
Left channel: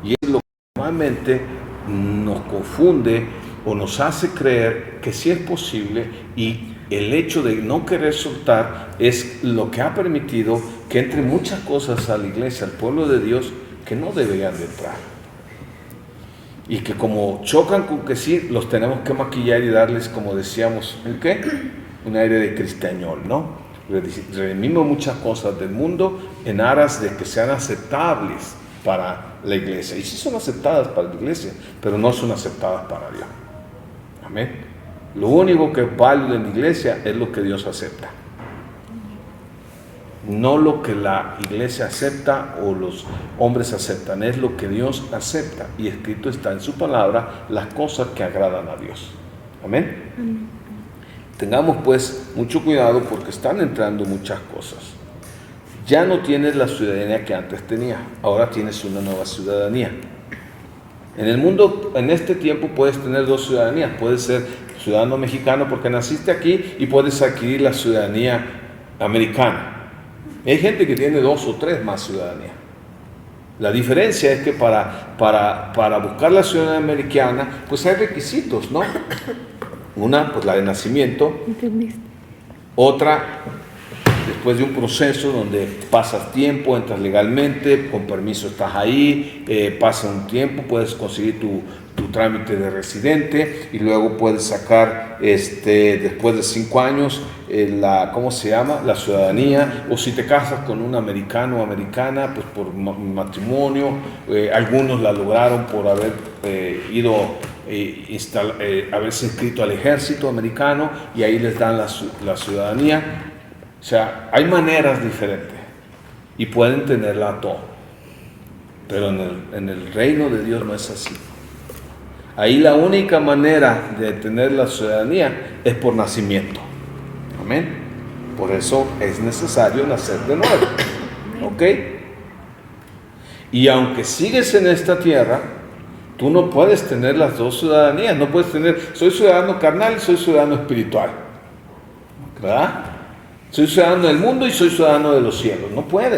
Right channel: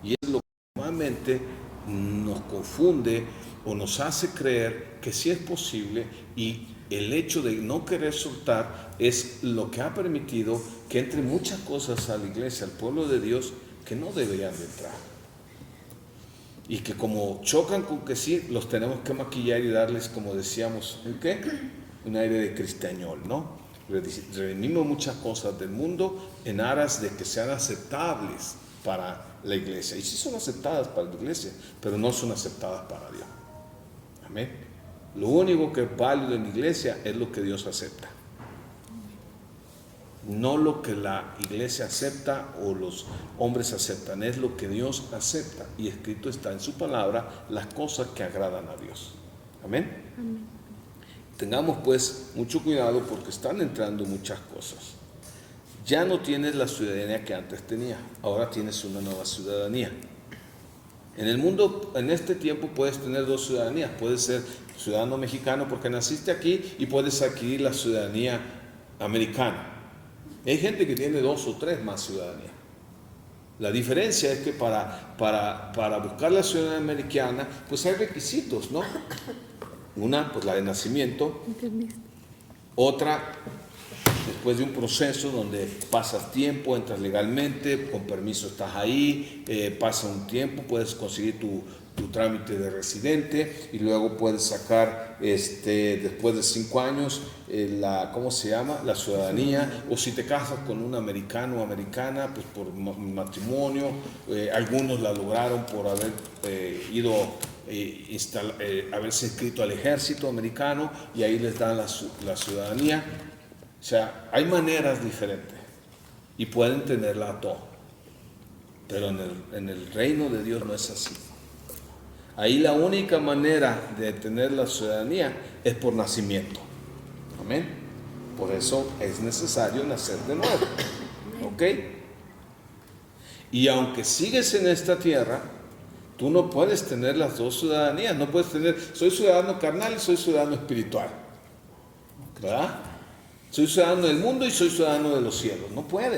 Y es lo que normalmente nos confunde o nos hace creer que sí es posible, y el hecho de no querer soltar es lo que ha permitido que entre muchas cosas a la iglesia, al pueblo de Dios, que no deberían de entrar. Y que como chocan con que sí, los tenemos que maquillar y darles, como decíamos, ¿el qué? Un aire de cristiañol, ¿no? Redimimos muchas cosas del mundo en aras de que sean aceptables para la iglesia. Y sí son aceptadas para la iglesia, pero no son aceptadas para Dios. Amén. Lo único que es válido en la iglesia es lo que Dios acepta. No lo que la iglesia acepta o los hombres aceptan, es lo que Dios acepta. Y escrito está en su palabra las cosas que agradan a Dios. Amén. Tengamos pues mucho cuidado porque están entrando muchas cosas. Ya no tienes la ciudadanía que antes tenías, ahora tienes una nueva ciudadanía. En el mundo, en este tiempo, puedes tener dos ciudadanías. Puedes ser ciudadano mexicano porque naciste aquí y puedes adquirir la ciudadanía americana. Hay gente que tiene 2 o 3 más ciudadanía. La diferencia es que para buscar la ciudadanía americana, pues hay requisitos, ¿no? Una, pues la de nacimiento. Otra, después de un proceso donde pasas tiempo, entras legalmente, con permiso estás ahí, pasa un tiempo, puedes conseguir tu trámite de residente y luego puedes sacar, después de 5 años, ¿cómo se llama? La ciudadanía, o si te casas con un americano o americana, pues por matrimonio. Algunos la lograron por haber haberse inscrito al ejército americano y ahí les dan la ciudadanía. O sea, hay maneras diferentes y pueden tenerla todo, pero en el reino de Dios no es así. Ahí la única manera de tener la ciudadanía es por nacimiento. Amén. Por eso es necesario nacer de nuevo. ¿Ok? Y aunque sigues en esta tierra, tú no puedes tener las 2 ciudadanías. No puedes tener, soy ciudadano carnal y soy ciudadano espiritual. ¿Verdad? Soy ciudadano del mundo y soy ciudadano de los cielos. No puede.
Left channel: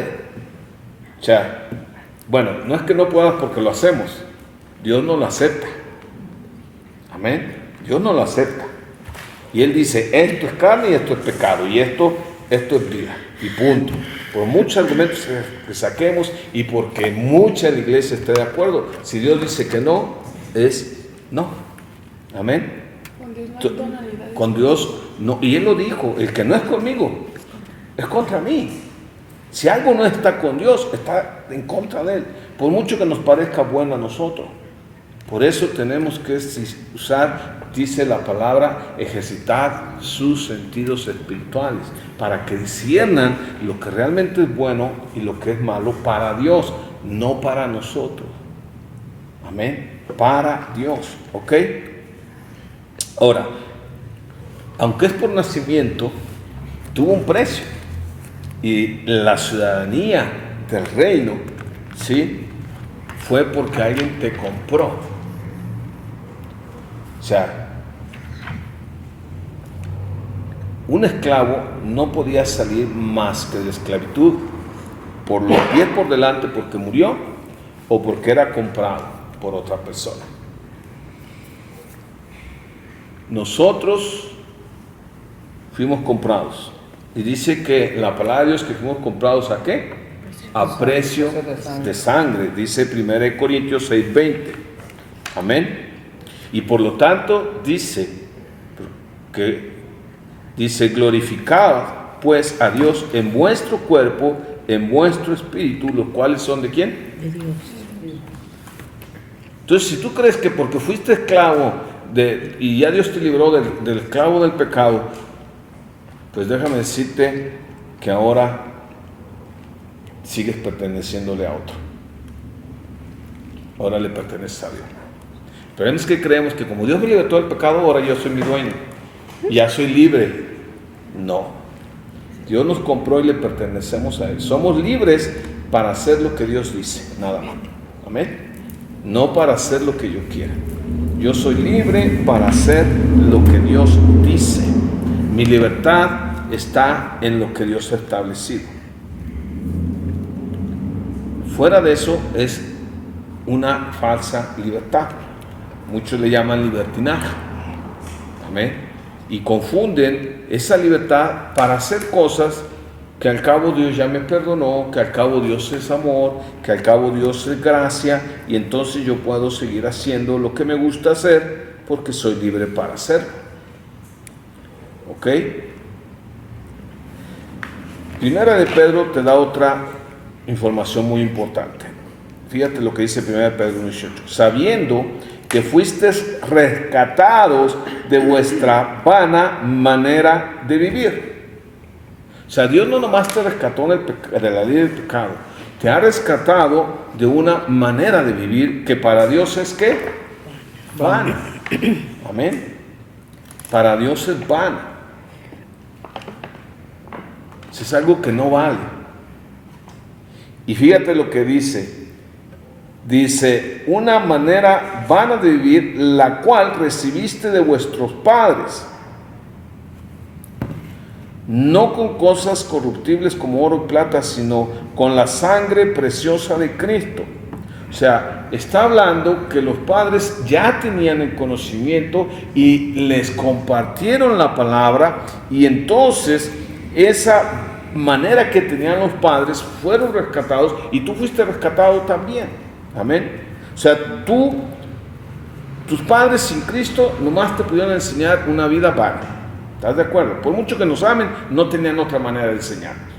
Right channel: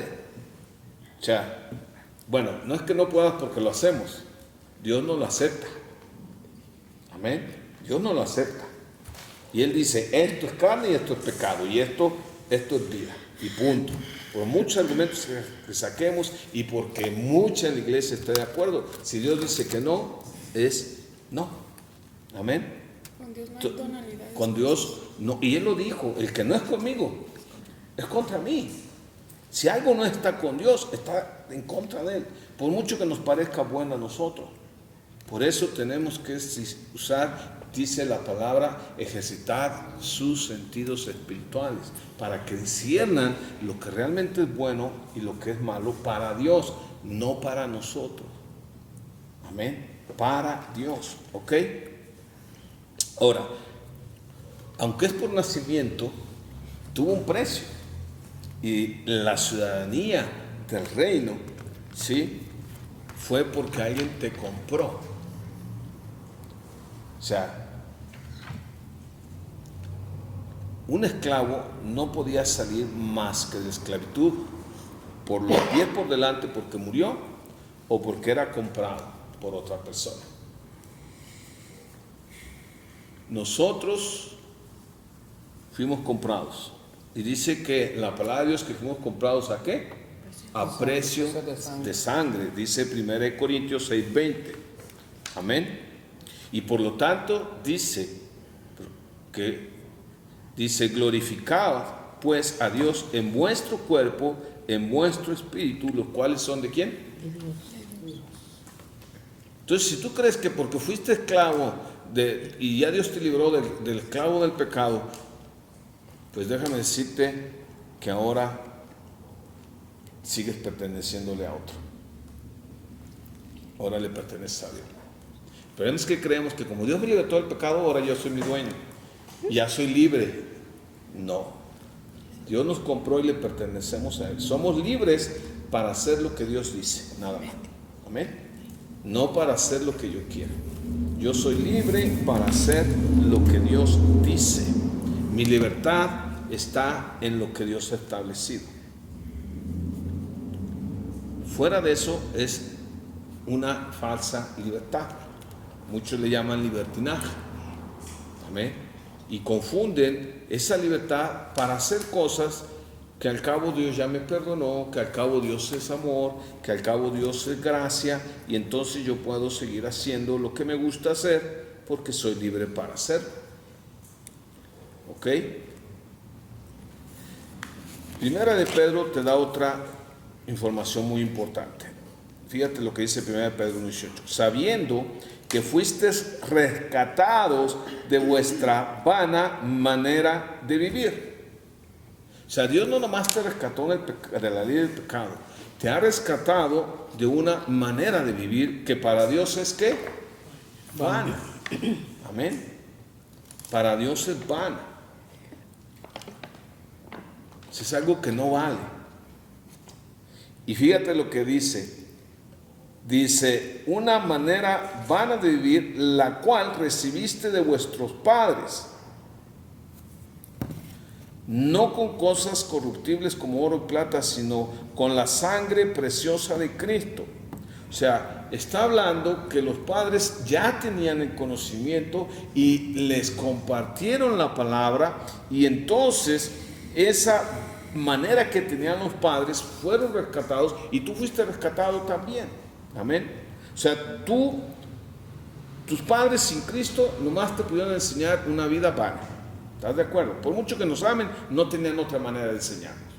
O sea, bueno, no es que no puedas porque lo hacemos. Dios no lo acepta. Amén. Dios no lo acepta. Y Él dice, esto es carne y esto es pecado. Y esto es vida. Y punto. Por muchos argumentos que saquemos y porque mucha de la iglesia esté de acuerdo. Si Dios dice que no, es no. Amén. Con Dios no hay tonalidades. Con Dios no. Y Él lo dijo, el que no es conmigo es contra mí. Si algo no está con Dios, está en contra de Él. Por mucho que nos parezca bueno a nosotros. Por eso tenemos que usar, dice la palabra, ejercitar sus sentidos espirituales para que disciernan lo que realmente es bueno y lo que es malo para Dios, no para nosotros. Amén. Para Dios. ¿Ok? Ahora, aunque es por nacimiento, tuvo un precio. Y la ciudadanía del reino, ¿sí?, fue porque alguien te compró. O sea, un esclavo no podía salir más que de la esclavitud por los pies por delante porque murió o porque era comprado por otra persona. Nosotros fuimos comprados. Y dice que la palabra de Dios que fuimos comprados ¿a qué? A precio de sangre. Dice 1 Corintios 6:20. Amén. Y por lo tanto dice glorificad pues a Dios en vuestro cuerpo, en vuestro espíritu, los cuales son ¿de quién? De Dios. Entonces, si tú crees que porque fuiste esclavo y ya Dios te libró del esclavo del pecado, pues déjame decirte que ahora sigues perteneciéndole a otro. Ahora le perteneces a Dios. Pero es que creemos que como Dios me libertó del pecado, ahora yo soy mi dueño. Ya soy libre. No. Dios nos compró y le pertenecemos a Él. Somos libres para hacer lo que Dios dice. Nada más. Amén. No para hacer lo que yo quiera. Yo soy libre para hacer lo que Dios dice. Mi libertad está en lo que Dios ha establecido. Fuera de eso es una falsa libertad. Muchos le llaman libertinaje. Amén. Y confunden esa libertad para hacer cosas que al cabo Dios ya me perdonó, que al cabo Dios es amor, que al cabo Dios es gracia, y entonces yo puedo seguir haciendo lo que me gusta hacer porque soy libre para hacerlo. ¿Ok? Primera de Pedro te da otra información muy importante. Fíjate lo que dice Primera de Pedro 18. Sabiendo que fuisteis rescatados de vuestra vana manera de vivir. O sea, Dios no nomás te rescató de la ley del pecado, te ha rescatado de una manera de vivir que para Dios es ¿qué? Vana. Amén. Para Dios es vana. Es algo que no vale. Y fíjate lo que dice. Dice, una manera vana de vivir, la cual recibiste de vuestros padres. no con cosas corruptibles como oro y plata, sino con la sangre preciosa de Cristo. O sea, está hablando que los padres ya tenían el conocimiento y les compartieron la palabra, y entonces esa manera que tenían los padres fueron rescatados, y tú fuiste rescatado también. Amén. O sea, tus padres sin Cristo nomás te pudieron enseñar una vida vana. ¿Estás de acuerdo? Por mucho que nos amen, no tenían otra manera de enseñarnos,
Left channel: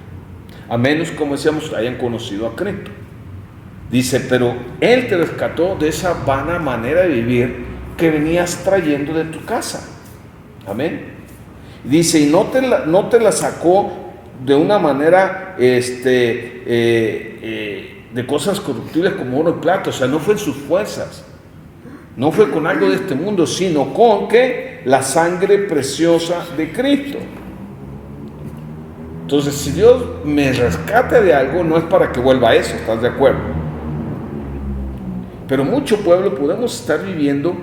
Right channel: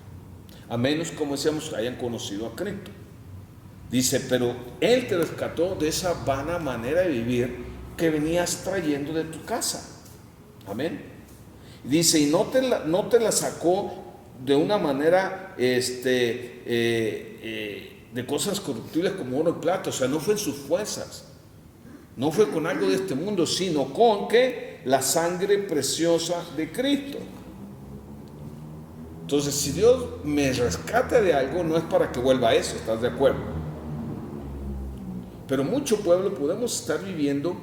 a menos, como decíamos, hayan conocido a Cristo. Dice, pero Él te rescató de esa vana manera de vivir que venías trayendo de tu casa. Amén. Dice, y no te la sacó de una manera de cosas corruptibles como oro y plata. O sea, no fue en sus fuerzas, no fue con algo de este mundo, sino con ¿qué? La sangre preciosa de Cristo. Entonces, si Dios me rescata de algo, no es para que vuelva a eso, ¿estás de acuerdo? Pero mucho pueblo podemos estar viviendo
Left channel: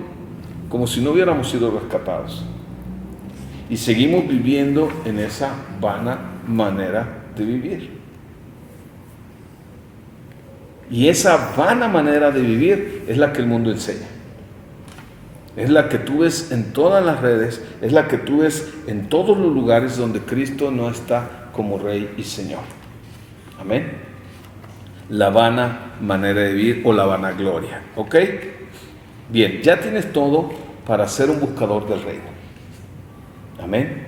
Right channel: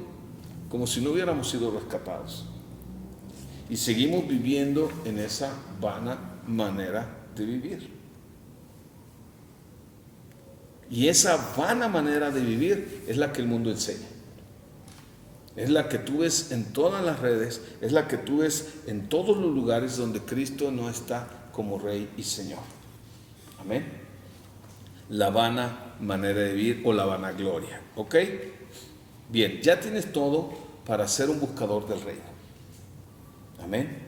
como si no hubiéramos sido rescatados, y seguimos viviendo en esa vana manera de vivir. Y esa vana manera de vivir es la que el mundo enseña. Es la que tú ves en todas las redes, es la que tú ves en todos los lugares donde Cristo no está como Rey y Señor. Amén. La vana manera de vivir o la vanagloria. ¿Ok? Bien, ya tienes todo para ser un buscador del reino. Amén.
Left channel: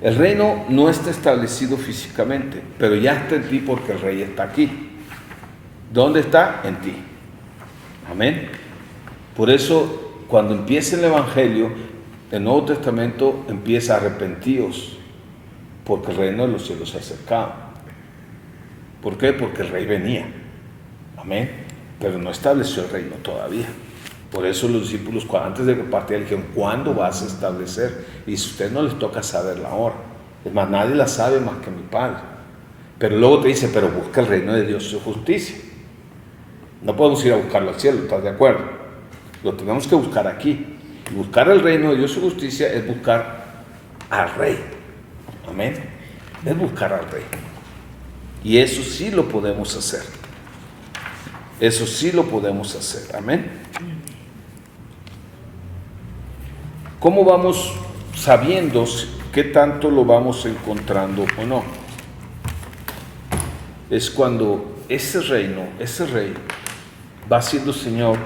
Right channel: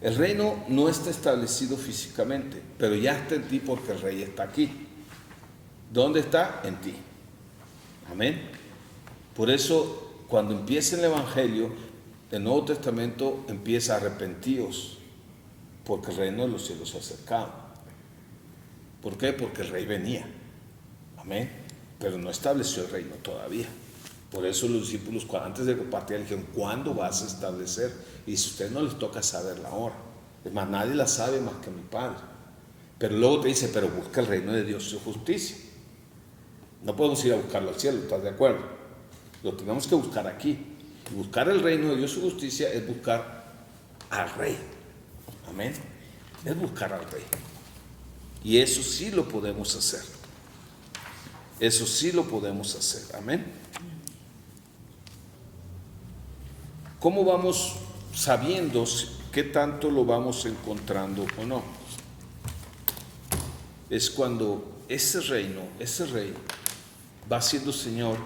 El reino no está establecido físicamente, pero ya está en ti porque el Rey está aquí. ¿Dónde está? En ti. Amén. Por eso, cuando empieza el Evangelio, el Nuevo Testamento empieza a arrepentíos, porque el reino de los cielos se ha acercado. ¿Por qué? Porque el Rey venía. Amén. Pero no estableció el reino todavía. Por eso los discípulos, antes de que partieran, dijeron, ¿cuándo vas a establecer? Y si a ustedes no les toca saber la hora. Es más, nadie la sabe más que mi Padre. Pero luego te dice, pero busca el reino de Dios y su justicia. No podemos ir a buscarlo al cielo, ¿estás de acuerdo? Lo tenemos que buscar aquí. Y buscar el reino de Dios y su justicia es buscar al Rey. Amén. Es buscar al Rey. Y eso sí lo podemos hacer. Eso sí lo podemos hacer. Amén. ¿Cómo vamos sabiendo qué tanto lo vamos encontrando o no? Es cuando ese reino, ese Rey, va siendo Señor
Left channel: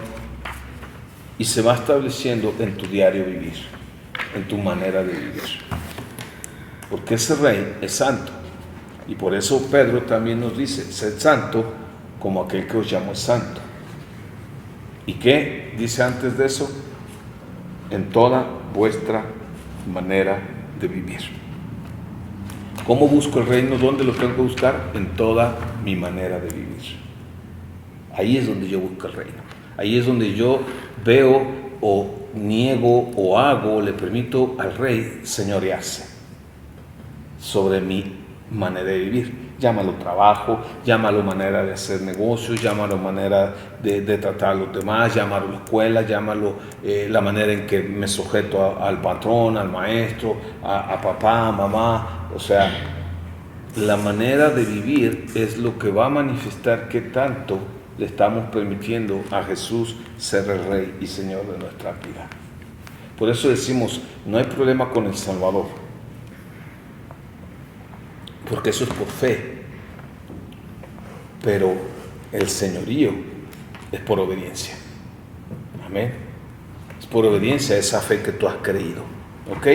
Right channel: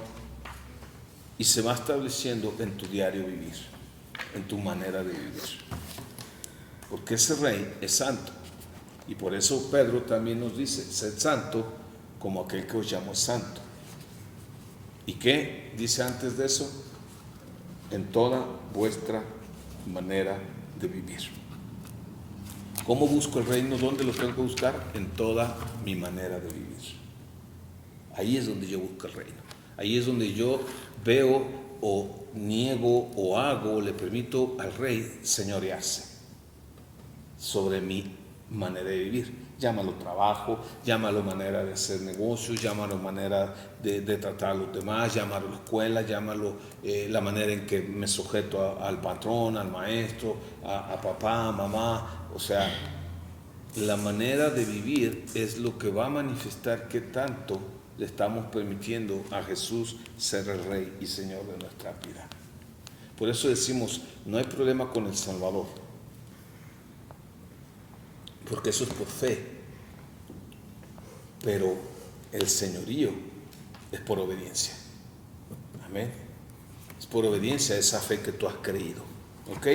y se va estableciendo en tu diario vivir, en tu manera de vivir. Porque ese Rey es santo. Y por eso Pedro también nos dice, sed santo como aquel que os llamó es santo. ¿Y qué dice antes de eso? En toda vuestra manera de vivir. ¿Cómo busco el reino? ¿Dónde lo tengo que buscar? En toda mi manera de vivir. Ahí es donde yo busco el reino. Ahí es donde yo veo o niego o hago, le permito al Rey señorearse sobre mi manera de vivir. Llámalo trabajo, llámalo manera de hacer negocios, llámalo manera de tratar a los demás, llámalo escuela, llámalo la manera en que me sujeto al patrón, al maestro, a papá, a mamá. O sea, la manera de vivir es lo que va a manifestar qué tanto le estamos permitiendo a Jesús ser el Rey y Señor de nuestra vida. Por eso decimos, no hay problema con el Salvador, porque eso es por fe, pero el señorío es por obediencia. Amén. Es por obediencia a esa fe que tú has creído. ¿Ok?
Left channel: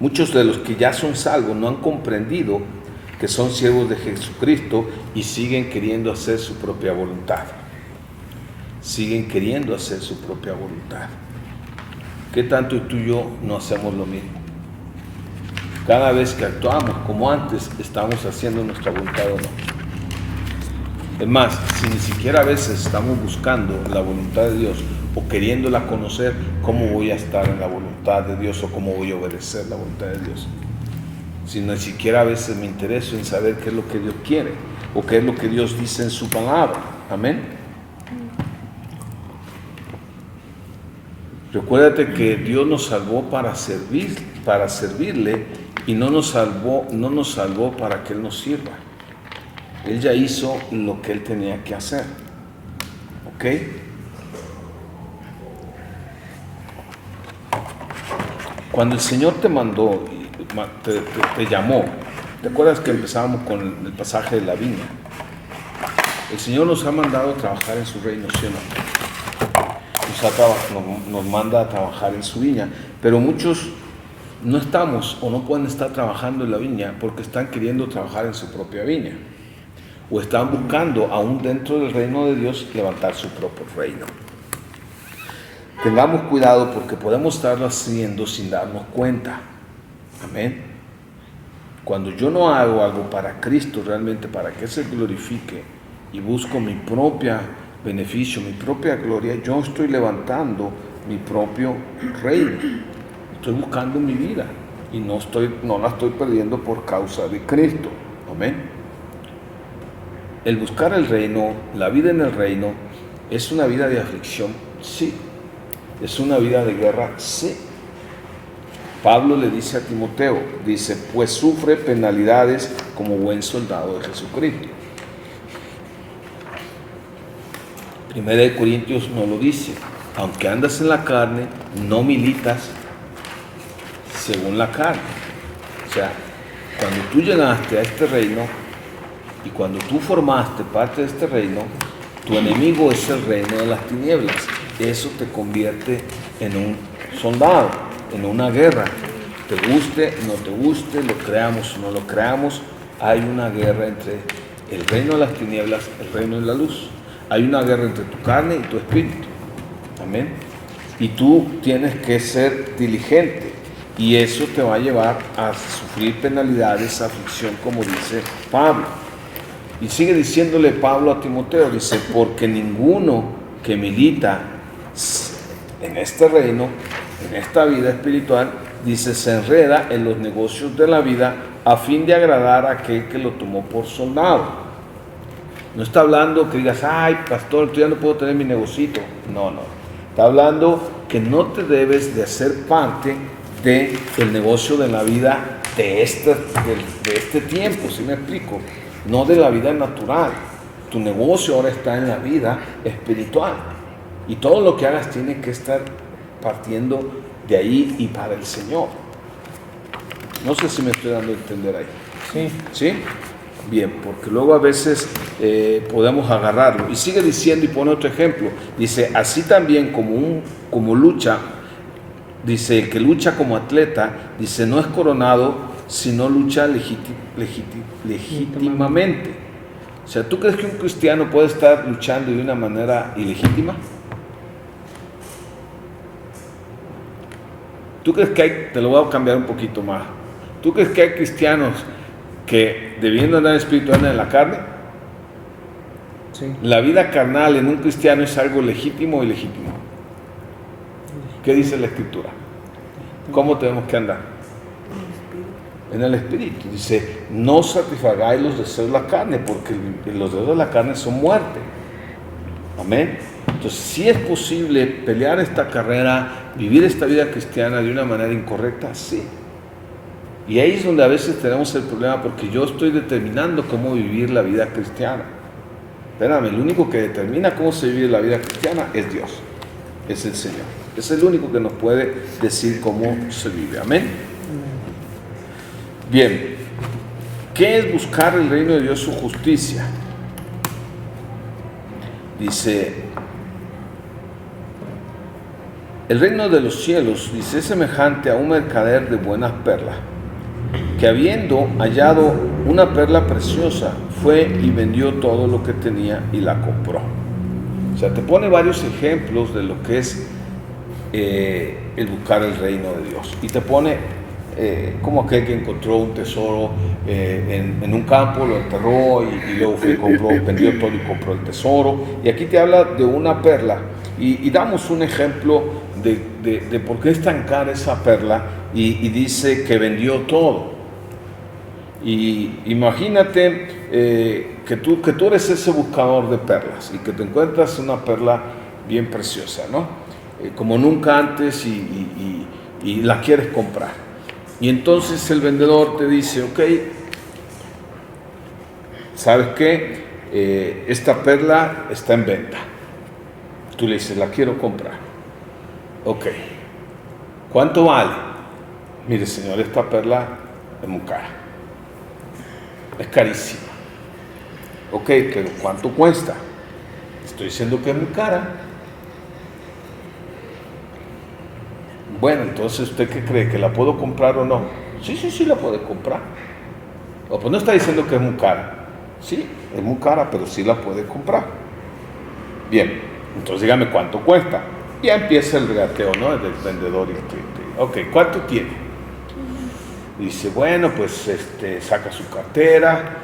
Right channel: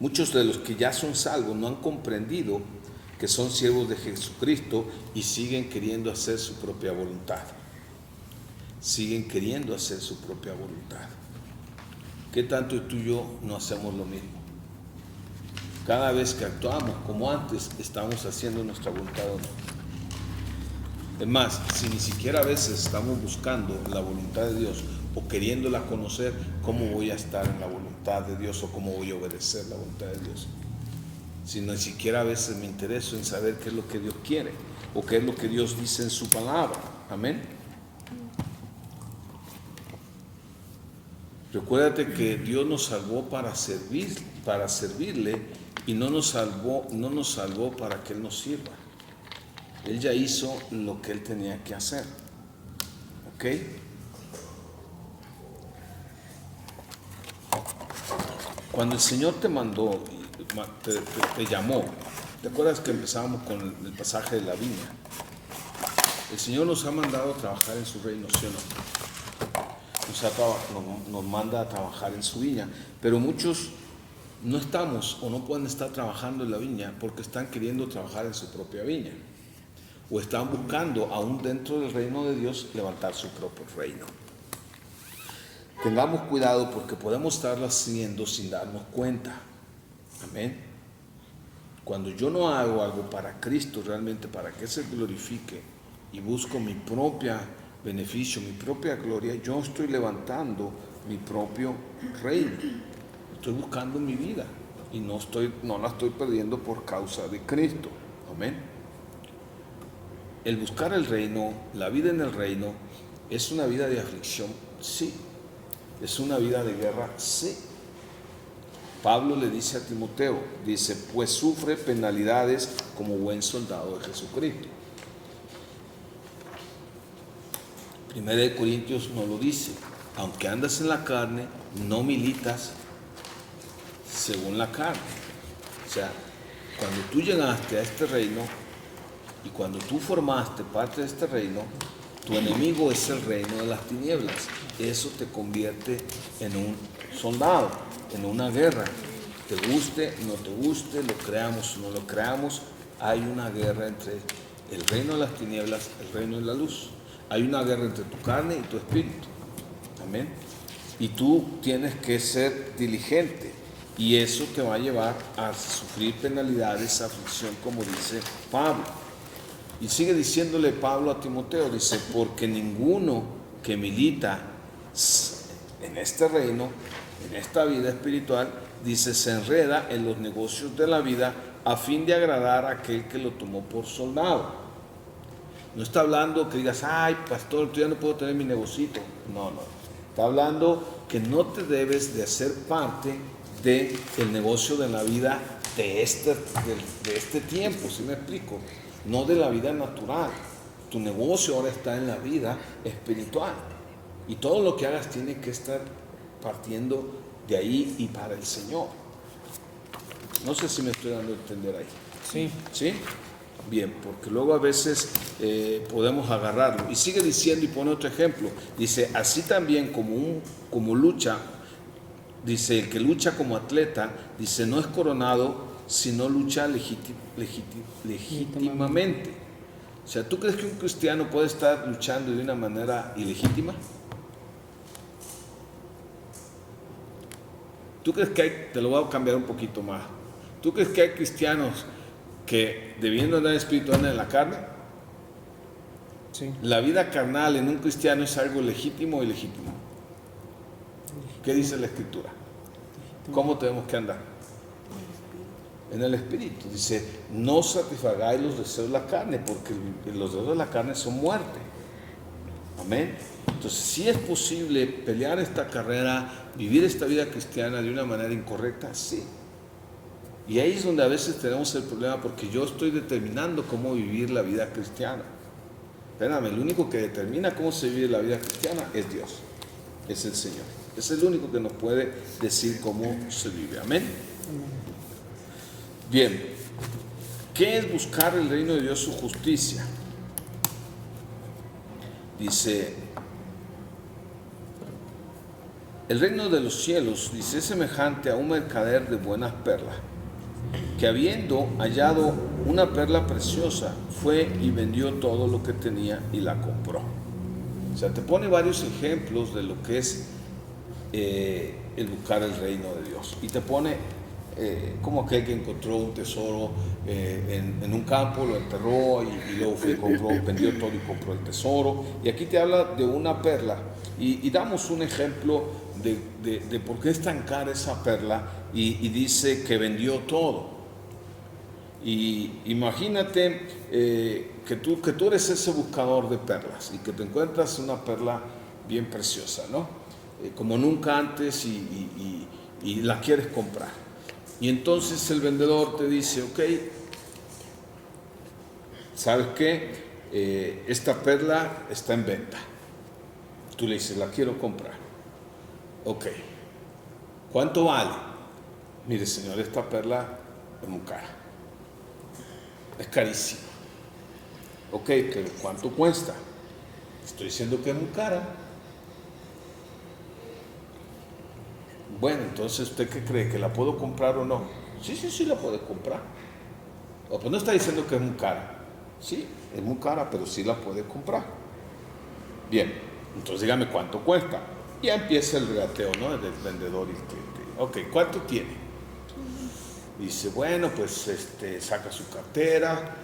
Muchos de los que ya son salvos no han comprendido que son siervos de Jesucristo y siguen queriendo hacer su propia voluntad. Siguen queriendo hacer su propia voluntad. ¿Qué tanto tú y yo no hacemos lo mismo? Cada vez que actuamos como antes, estamos haciendo nuestra voluntad o no. Es más, si ni siquiera a veces estamos buscando la voluntad de Dios o queriéndola conocer, ¿cómo voy a estar en la voluntad de Dios o cómo voy a obedecer la voluntad de Dios? Si ni siquiera a veces me intereso en saber qué es lo que Dios quiere o qué es lo que Dios dice en su palabra. Amén. Recuérdate que Dios nos salvó para servirle, y no nos salvó para que Él nos sirva. Él ya hizo lo que Él tenía que hacer. ¿Ok? Cuando el Señor te mandó, te llamó, ¿te acuerdas que empezábamos con el pasaje de la viña? El Señor nos ha mandado a trabajar en su reino, ¿sí o no? Nos manda a trabajar en su viña, pero muchos no estamos o no pueden estar trabajando en la viña porque están queriendo trabajar en su propia viña, o están buscando aún dentro del reino de Dios levantar su propio reino. Tengamos cuidado porque podemos estarlo haciendo sin darnos cuenta. Amén. Cuando yo no hago algo para Cristo, realmente para que se glorifique, y busco mi propio beneficio, mi propia gloria, yo estoy levantando mi propio reino. Estoy buscando mi vida y no la estoy perdiendo por causa de Cristo. Amén. El buscar el reino, la vida en el reino, ¿es una vida de aflicción? Sí. ¿Es una vida de guerra? Sí. Pablo le dice a Timoteo, dice, pues sufre penalidades como buen soldado de Jesucristo. Primera de Corintios nos lo dice, aunque andas en la carne, no militas según la carne. O sea, cuando tú llegaste a este reino y cuando tú formaste parte de este reino, tu enemigo es el reino de las tinieblas. Eso te convierte en un soldado, en una guerra. Te guste, no te guste, lo creamos o no lo creamos, hay una guerra entre el reino de las tinieblas, el reino de la luz. Hay una guerra entre tu carne y tu espíritu. Amén. Y tú tienes que ser diligente. Y eso te va a llevar a sufrir penalidades, aflicción, como dice Pablo. Y sigue diciéndole Pablo a Timoteo, dice, porque ninguno que milita en este reino, en esta vida espiritual, dice, se enreda en los negocios de la vida a fin de agradar a aquel que lo tomó por soldado. No está hablando que digas, ay, pastor, yo ya no puedo tener mi negocito. No. Está hablando que no te debes de hacer parte del negocio de la vida de este tiempo, ¿sí me explico? No de la vida natural. Tu negocio ahora está en la vida espiritual. Y todo lo que hagas tiene que estar partiendo de ahí y para el Señor. No sé si me estoy dando a entender ahí. Sí. ¿Sí? Bien, porque luego a veces podemos agarrarlo. Y sigue diciendo y pone otro ejemplo. Dice, así también como lucha, dice, el que lucha como atleta, dice, no es coronado, sino lucha legítimamente. O sea, ¿tú crees que un cristiano puede estar luchando de una manera ilegítima? ¿Tú crees que hay, te lo voy a cambiar un poquito más, ¿tú crees que hay cristianos que debiendo andar en espíritu andan en la carne? Sí. La vida carnal en un cristiano es algo legítimo o ilegítimo. ¿Qué dice la Escritura? ¿Cómo tenemos que andar? En el espíritu. Dice, no satisfagáis los deseos de la carne, porque los deseos de la carne son muerte. Amén. Entonces, si es posible pelear esta carrera, vivir esta vida cristiana de una manera incorrecta, sí. Y ahí es donde a veces tenemos el problema, porque yo estoy determinando cómo vivir la vida cristiana. Espérame, el único que determina cómo se vive la vida cristiana es Dios, es el Señor. Es el único que nos puede decir cómo se vive. Amén. Bien, ¿qué es buscar el reino de Dios, su justicia? Dice, el reino de los cielos, dice, es semejante a un mercader de buenas perlas, que habiendo hallado una perla preciosa, fue y vendió todo lo que tenía y la compró. O sea, te pone varios ejemplos de lo que es el buscar el reino de Dios. Y te pone como aquel que encontró un tesoro en un campo, lo enterró y luego fue y compró, vendió todo y compró el tesoro. Y aquí te habla de una perla. Y damos un ejemplo de por qué es tan cara esa perla. Y dice que vendió todo. Y imagínate que tú eres ese buscador de perlas y que te encuentras una perla bien preciosa, ¿no? como nunca antes y la quieres comprar. Y entonces el vendedor te dice, ok, ¿sabes qué? Esta perla está en venta. Tú le dices, la quiero comprar. Ok, ¿cuánto vale? Mire, señor, esta perla es muy cara. Es carísima. Ok, pero ¿cuánto cuesta? Estoy diciendo que es muy cara. Bueno, entonces, ¿usted qué cree? ¿Que la puedo comprar o no? Sí, la puede comprar. O pues no está diciendo que es muy cara. Sí, es muy cara, pero sí la puede comprar. Bien, entonces dígame cuánto cuesta. Ya empieza el regateo, ¿no? Del vendedor y el cliente. Ok, ¿cuánto tiene? Dice, bueno, pues saca su cartera,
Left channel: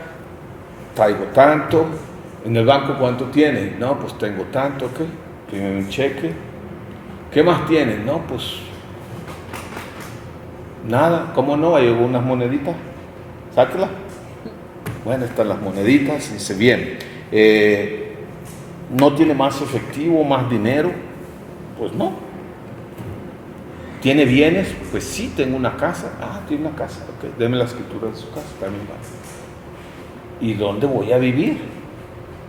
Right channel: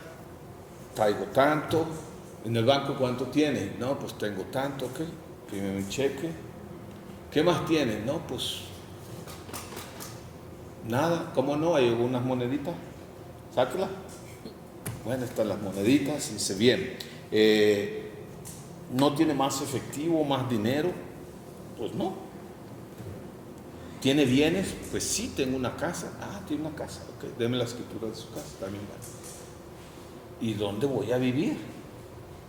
traigo tanto. En el banco, ¿cuánto tiene? No, pues tengo tanto, ¿ok? Tiene un cheque. ¿Qué más tiene? No, pues nada. ¿Cómo no? Hay algunas moneditas. Sáquela. Bueno, están las moneditas. Dice, bien, ¿no tiene más efectivo, más dinero? Pues no. ¿Tiene bienes? Pues sí, tengo una casa. Ah, tiene una casa. Ok, deme la escritura de su casa. También va. ¿Y dónde voy a vivir?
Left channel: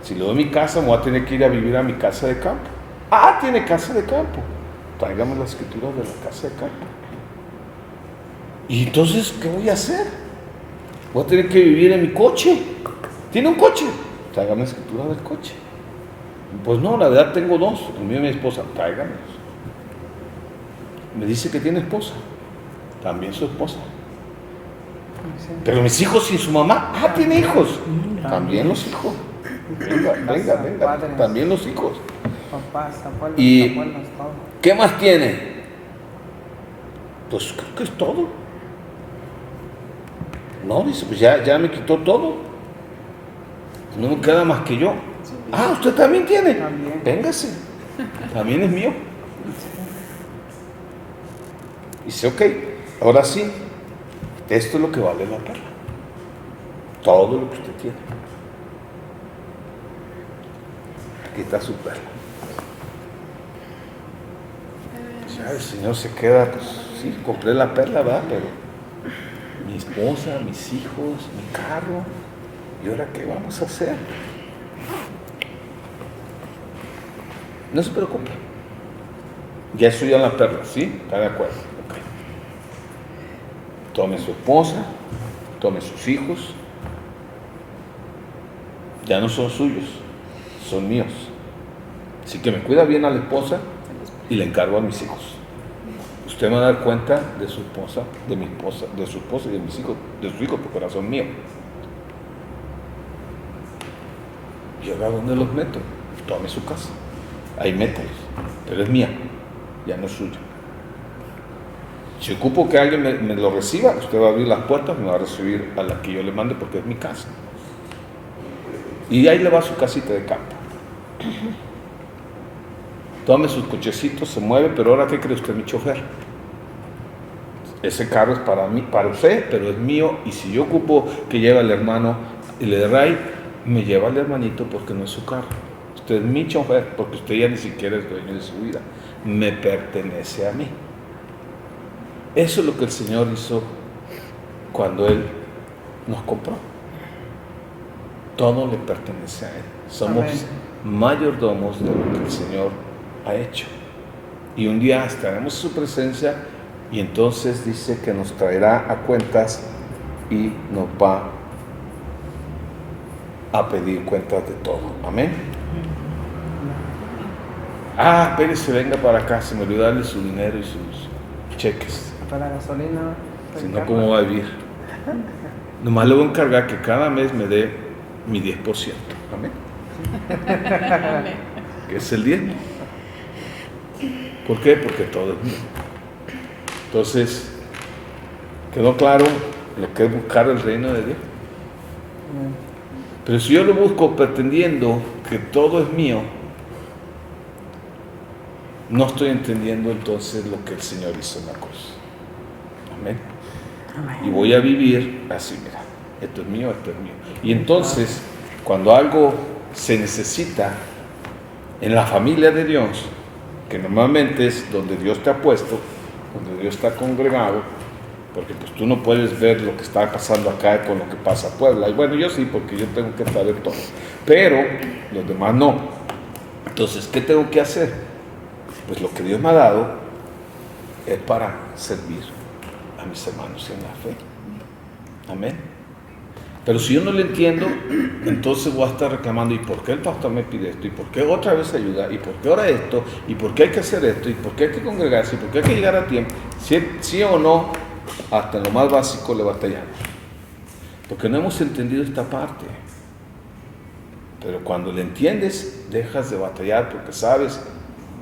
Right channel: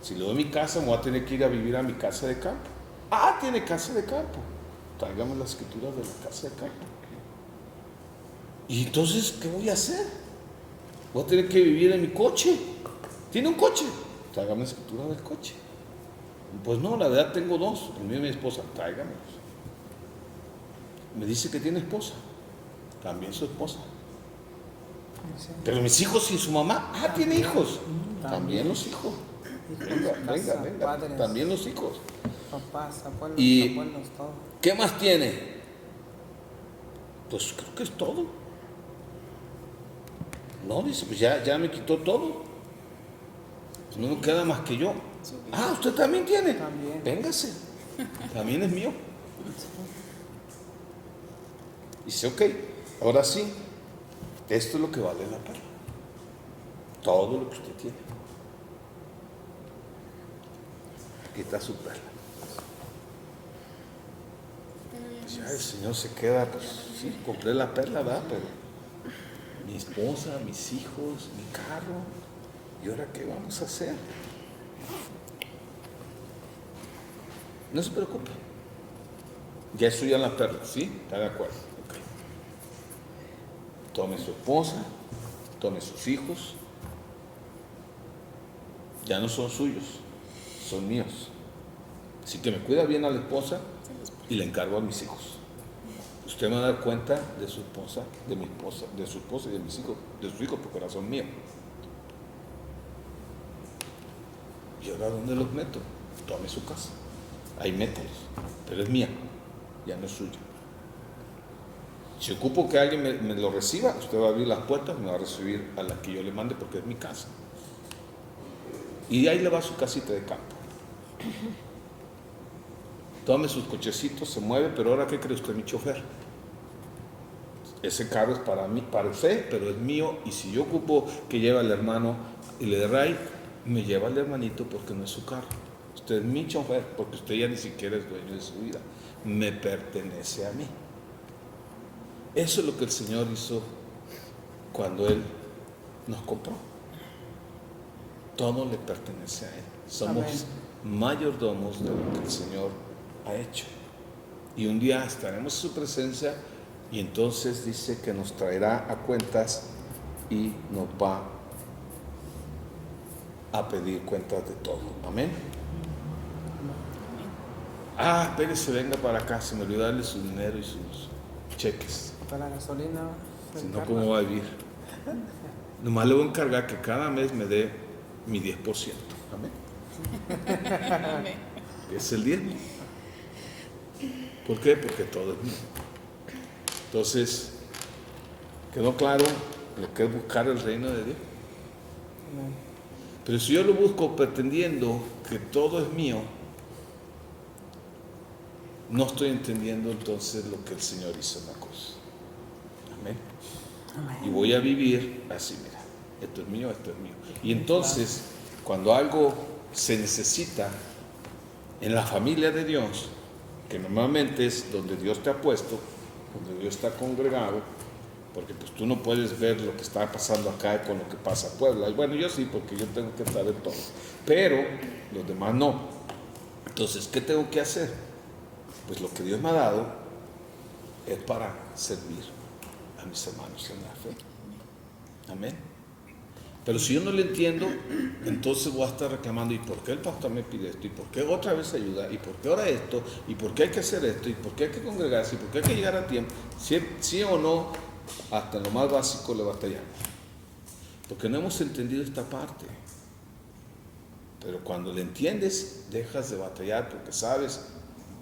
Si le doy mi casa, me voy a tener que ir a vivir a mi casa de campo. Ah, tiene casa de campo. Tráigame la escritura de la casa de campo. ¿Y entonces qué voy a hacer? Voy a tener que vivir en mi coche. ¿Tiene un coche? Tráigame la escritura del coche. Pues no, la verdad tengo dos, el mío y mi esposa. Tráigamelos. Me dice que tiene esposa. También su esposa. Pero mis hijos sin su mamá. Ah, tiene hijos. También los hijos. Venga. También los hijos. Papás, abuelos, ¿Y abuelos, todo. qué más tiene? Pues creo que es todo. No, dice, pues ya me quitó todo. No me queda más que yo. Ah, ¿usted también tiene? También. Véngase. También es mío. Dice, ok, ahora sí, esto es lo que vale la perla. Todo lo que usted tiene. Aquí está su perla. O sea, el Señor se queda, pues sí, compré la perla, ¿verdad? Pero mi esposa, mis hijos, mi carro, ¿y ahora qué vamos a hacer? No se preocupe. Ya es suya la perla, ¿sí? ¿Está de acuerdo? Okay. Tome su esposa, tome sus hijos. Ya no son suyos, son míos. Así que me cuida bien a la esposa y le encargo a mis hijos. Usted me va a dar cuenta de su esposa, de mi esposa, de su esposa y de mis hijos, de sus hijos, porque ahora son míos. ¿Y ahora dónde los meto? Tome su casa. Ahí mételos. Pero es mía, ya no es suya. Si ocupo que alguien me lo reciba, usted va a abrir las puertas y me va a recibir a la que yo le mande porque es mi casa. Y ahí le va su casita de campo. Tome sus cochecitos, se mueve, pero ahora ¿qué cree usted, mi chofer? Ese carro es para mí, para usted, pero es mío. Y si yo ocupo que lleve al hermano y le dé ride, me lleva al hermanito porque no es su carro. Usted es mi chofer porque usted ya ni siquiera es dueño de su vida. Me pertenece a mí. Eso es lo que el Señor hizo cuando Él nos compró. Todo le pertenece a Él. Somos mayordomos de lo que el Señor ha hecho. Y un día estaremos en su presencia y entonces dice que nos traerá a cuentas y nos va a pedir cuentas de todo. Amén. Ah, espérese, venga para acá, se me olvidó darle su dinero y sus cheques. Para la gasolina. Si no, ¿cómo va a vivir? Nomás le voy a encargar que cada mes me dé mi 10%. Amén. Que es el 10. ¿Por qué? Porque todo es mío. Entonces, ¿quedó claro lo que es buscar el reino de Dios? Pero si yo lo busco pretendiendo que todo es mío, no estoy entendiendo entonces lo que el Señor hizo en la cruz. Amén. Y voy a vivir así, mira, esto es mío, esto es mío. Y entonces, cuando algo se necesita en la familia de Dios, porque normalmente es donde Dios te ha puesto, donde Dios está congregado, porque pues tú no puedes ver lo que está pasando acá con lo que pasa en Puebla. Y bueno, yo sí, porque yo tengo que estar en todo, pero los demás no. Entonces, ¿qué tengo que hacer? Pues lo que Dios me ha dado es para servir a mis hermanos en la fe. Amén. Pero si yo no lo entiendo, entonces voy a estar reclamando, ¿y por qué el pastor me pide esto? ¿Y por qué otra vez ayuda? ¿Y por qué ahora esto? ¿Y por qué hay que hacer esto? ¿Y por qué hay que congregarse? ¿Y por qué hay que llegar a tiempo? Sí o no, hasta en lo más básico le batallamos. Porque no hemos entendido esta parte. Pero cuando le entiendes, dejas de batallar porque sabes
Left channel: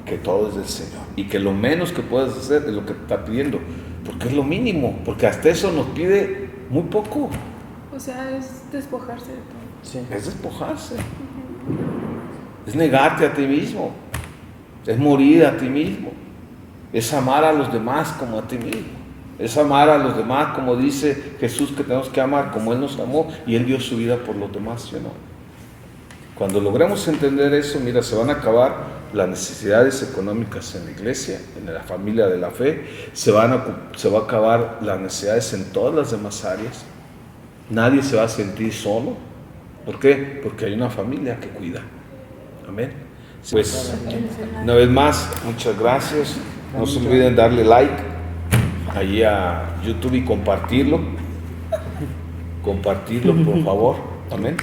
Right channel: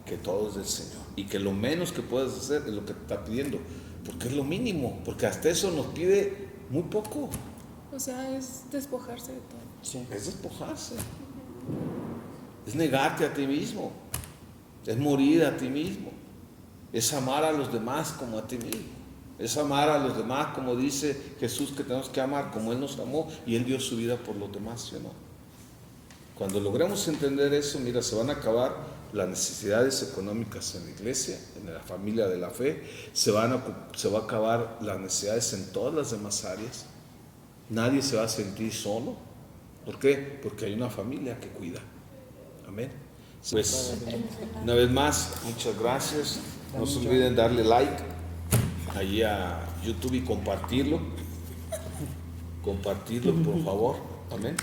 que todo es del Señor. Y que lo menos que puedes hacer es lo que te está pidiendo. Porque es lo mínimo. Porque hasta eso nos pide muy poco. O sea, es despojarse de todo. Sí. Es despojarse. Es negarte a ti mismo. Es morir a ti mismo. Es amar a los demás como a ti mismo. Es amar a los demás como dice Jesús que tenemos que amar, como Él nos amó y Él dio su vida por los demás, ¿sí o no? Cuando logremos entender eso, mira, se van a acabar las necesidades económicas en la iglesia, en la familia de la fe, se va a acabar las necesidades en todas las demás áreas. Nadie se va a sentir solo. ¿Por qué? Porque hay una familia que cuida. Amén. Pues, una vez más, muchas gracias. No se olviden darle like allí a YouTube y compartirlo. Compartirlo, por favor. Amén.